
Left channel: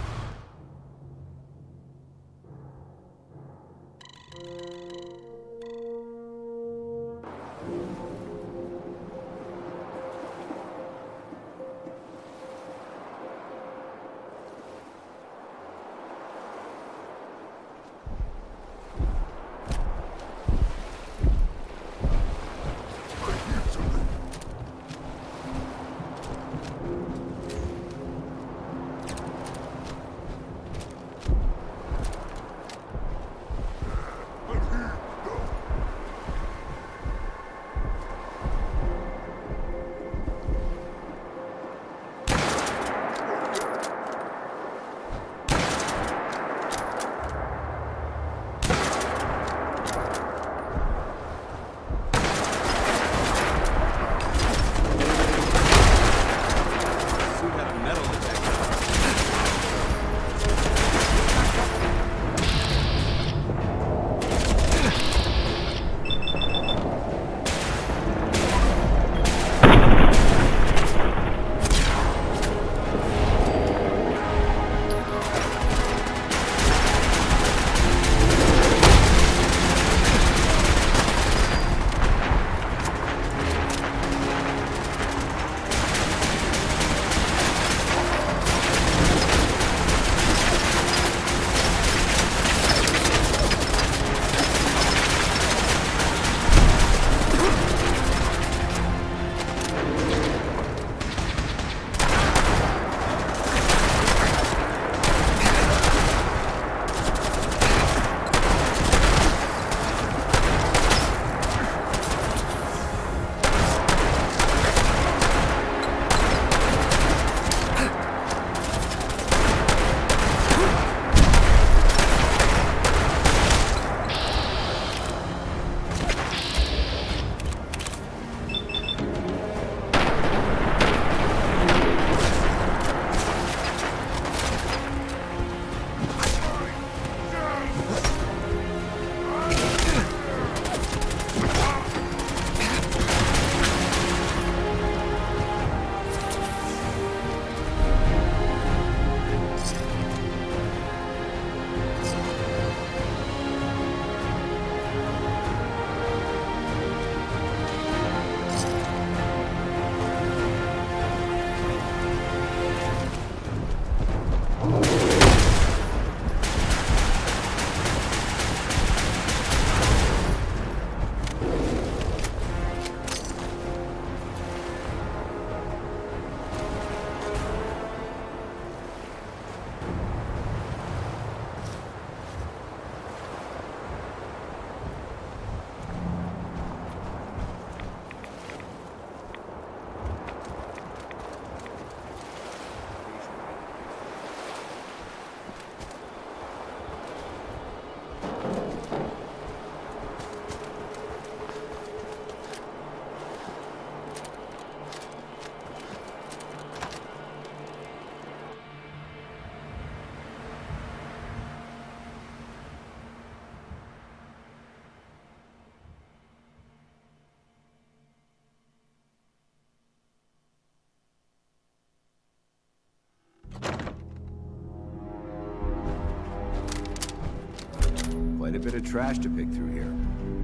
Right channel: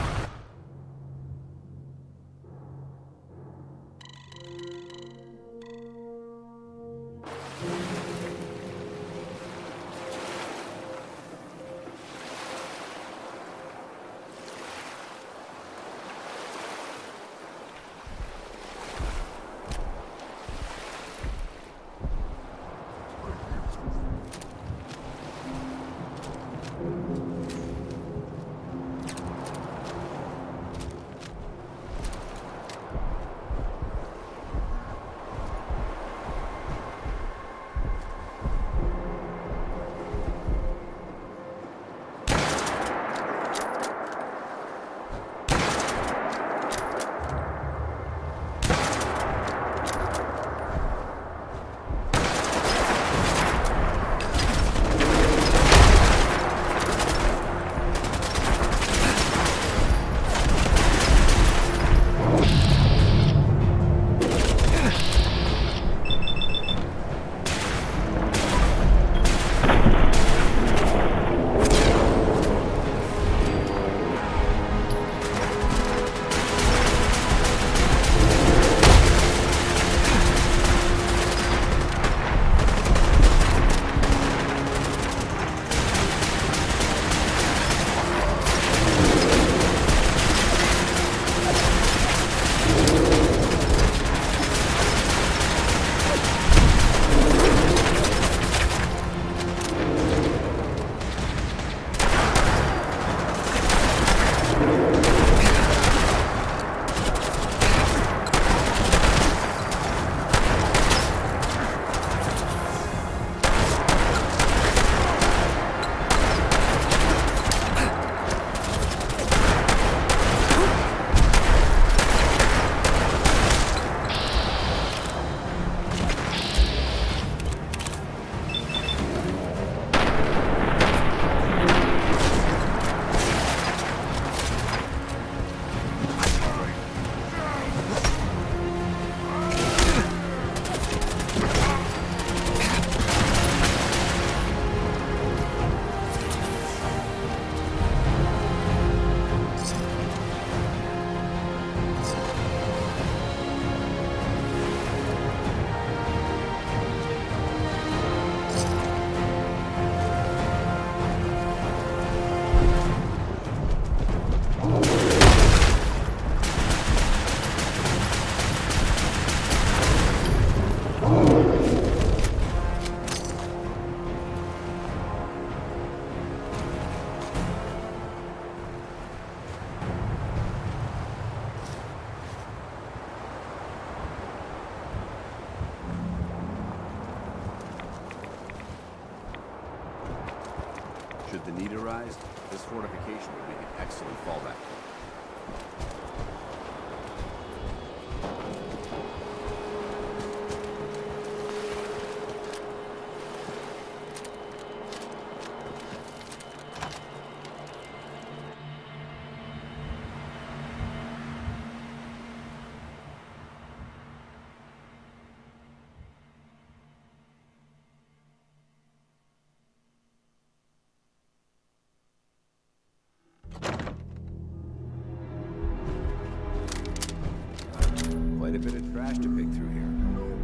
Quite a bit of trash to pick through here.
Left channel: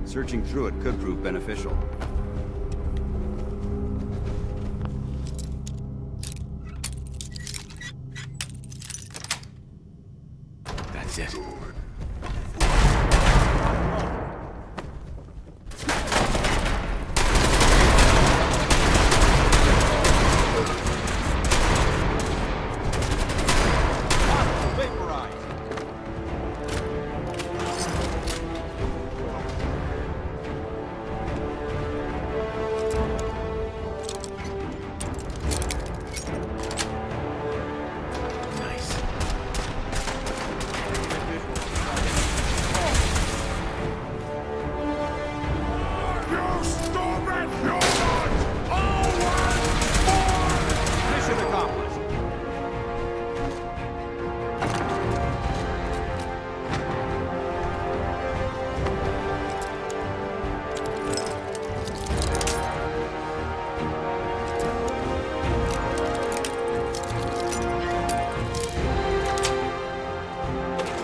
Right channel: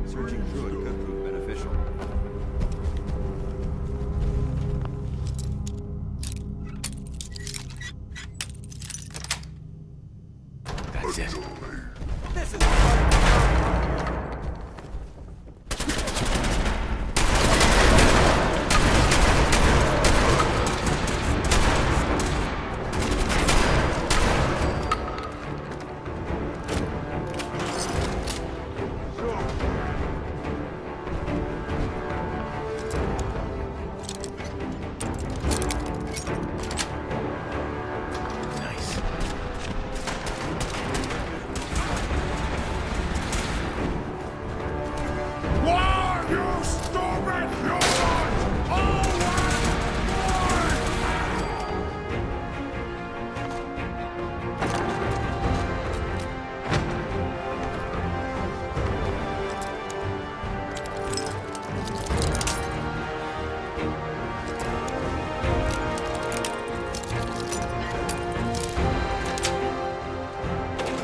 Searching through it could prove beneficial. That's it.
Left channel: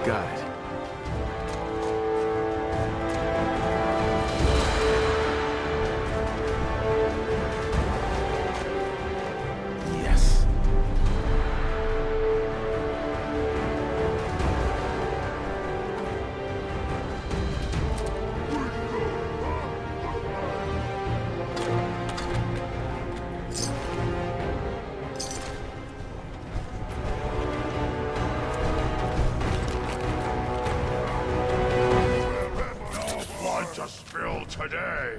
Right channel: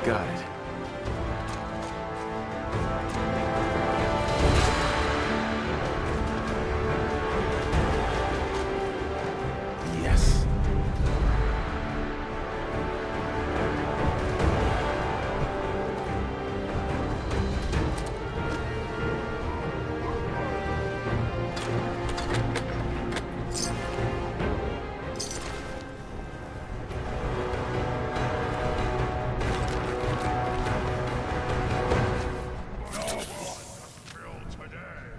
Got it. Yes. Today.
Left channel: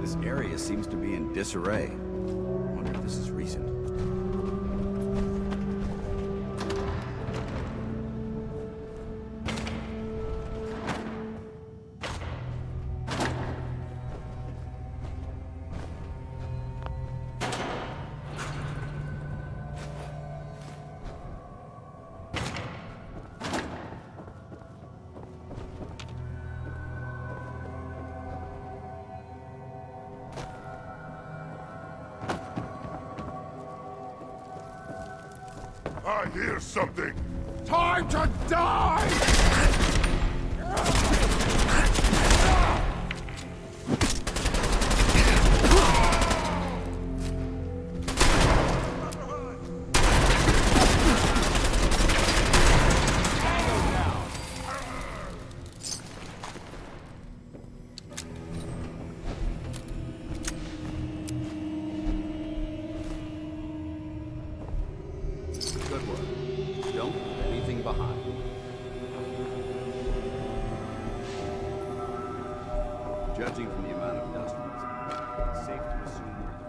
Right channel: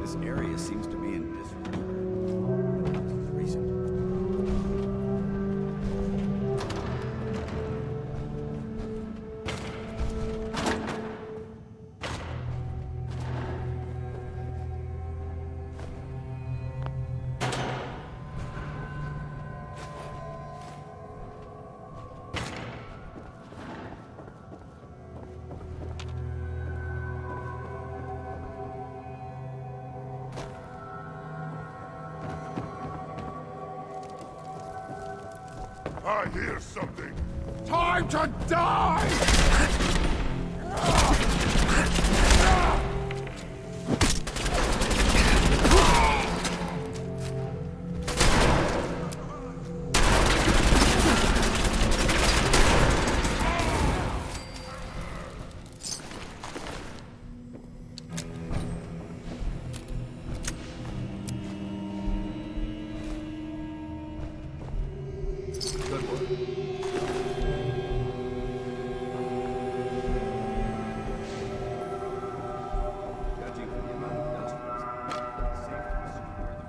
This area seems to be in disarray. Wonder if this is recent. I hear something! Time to die! Good work. Don't leave anything behind. Judging from the amount of dust, it's safe to assume we're the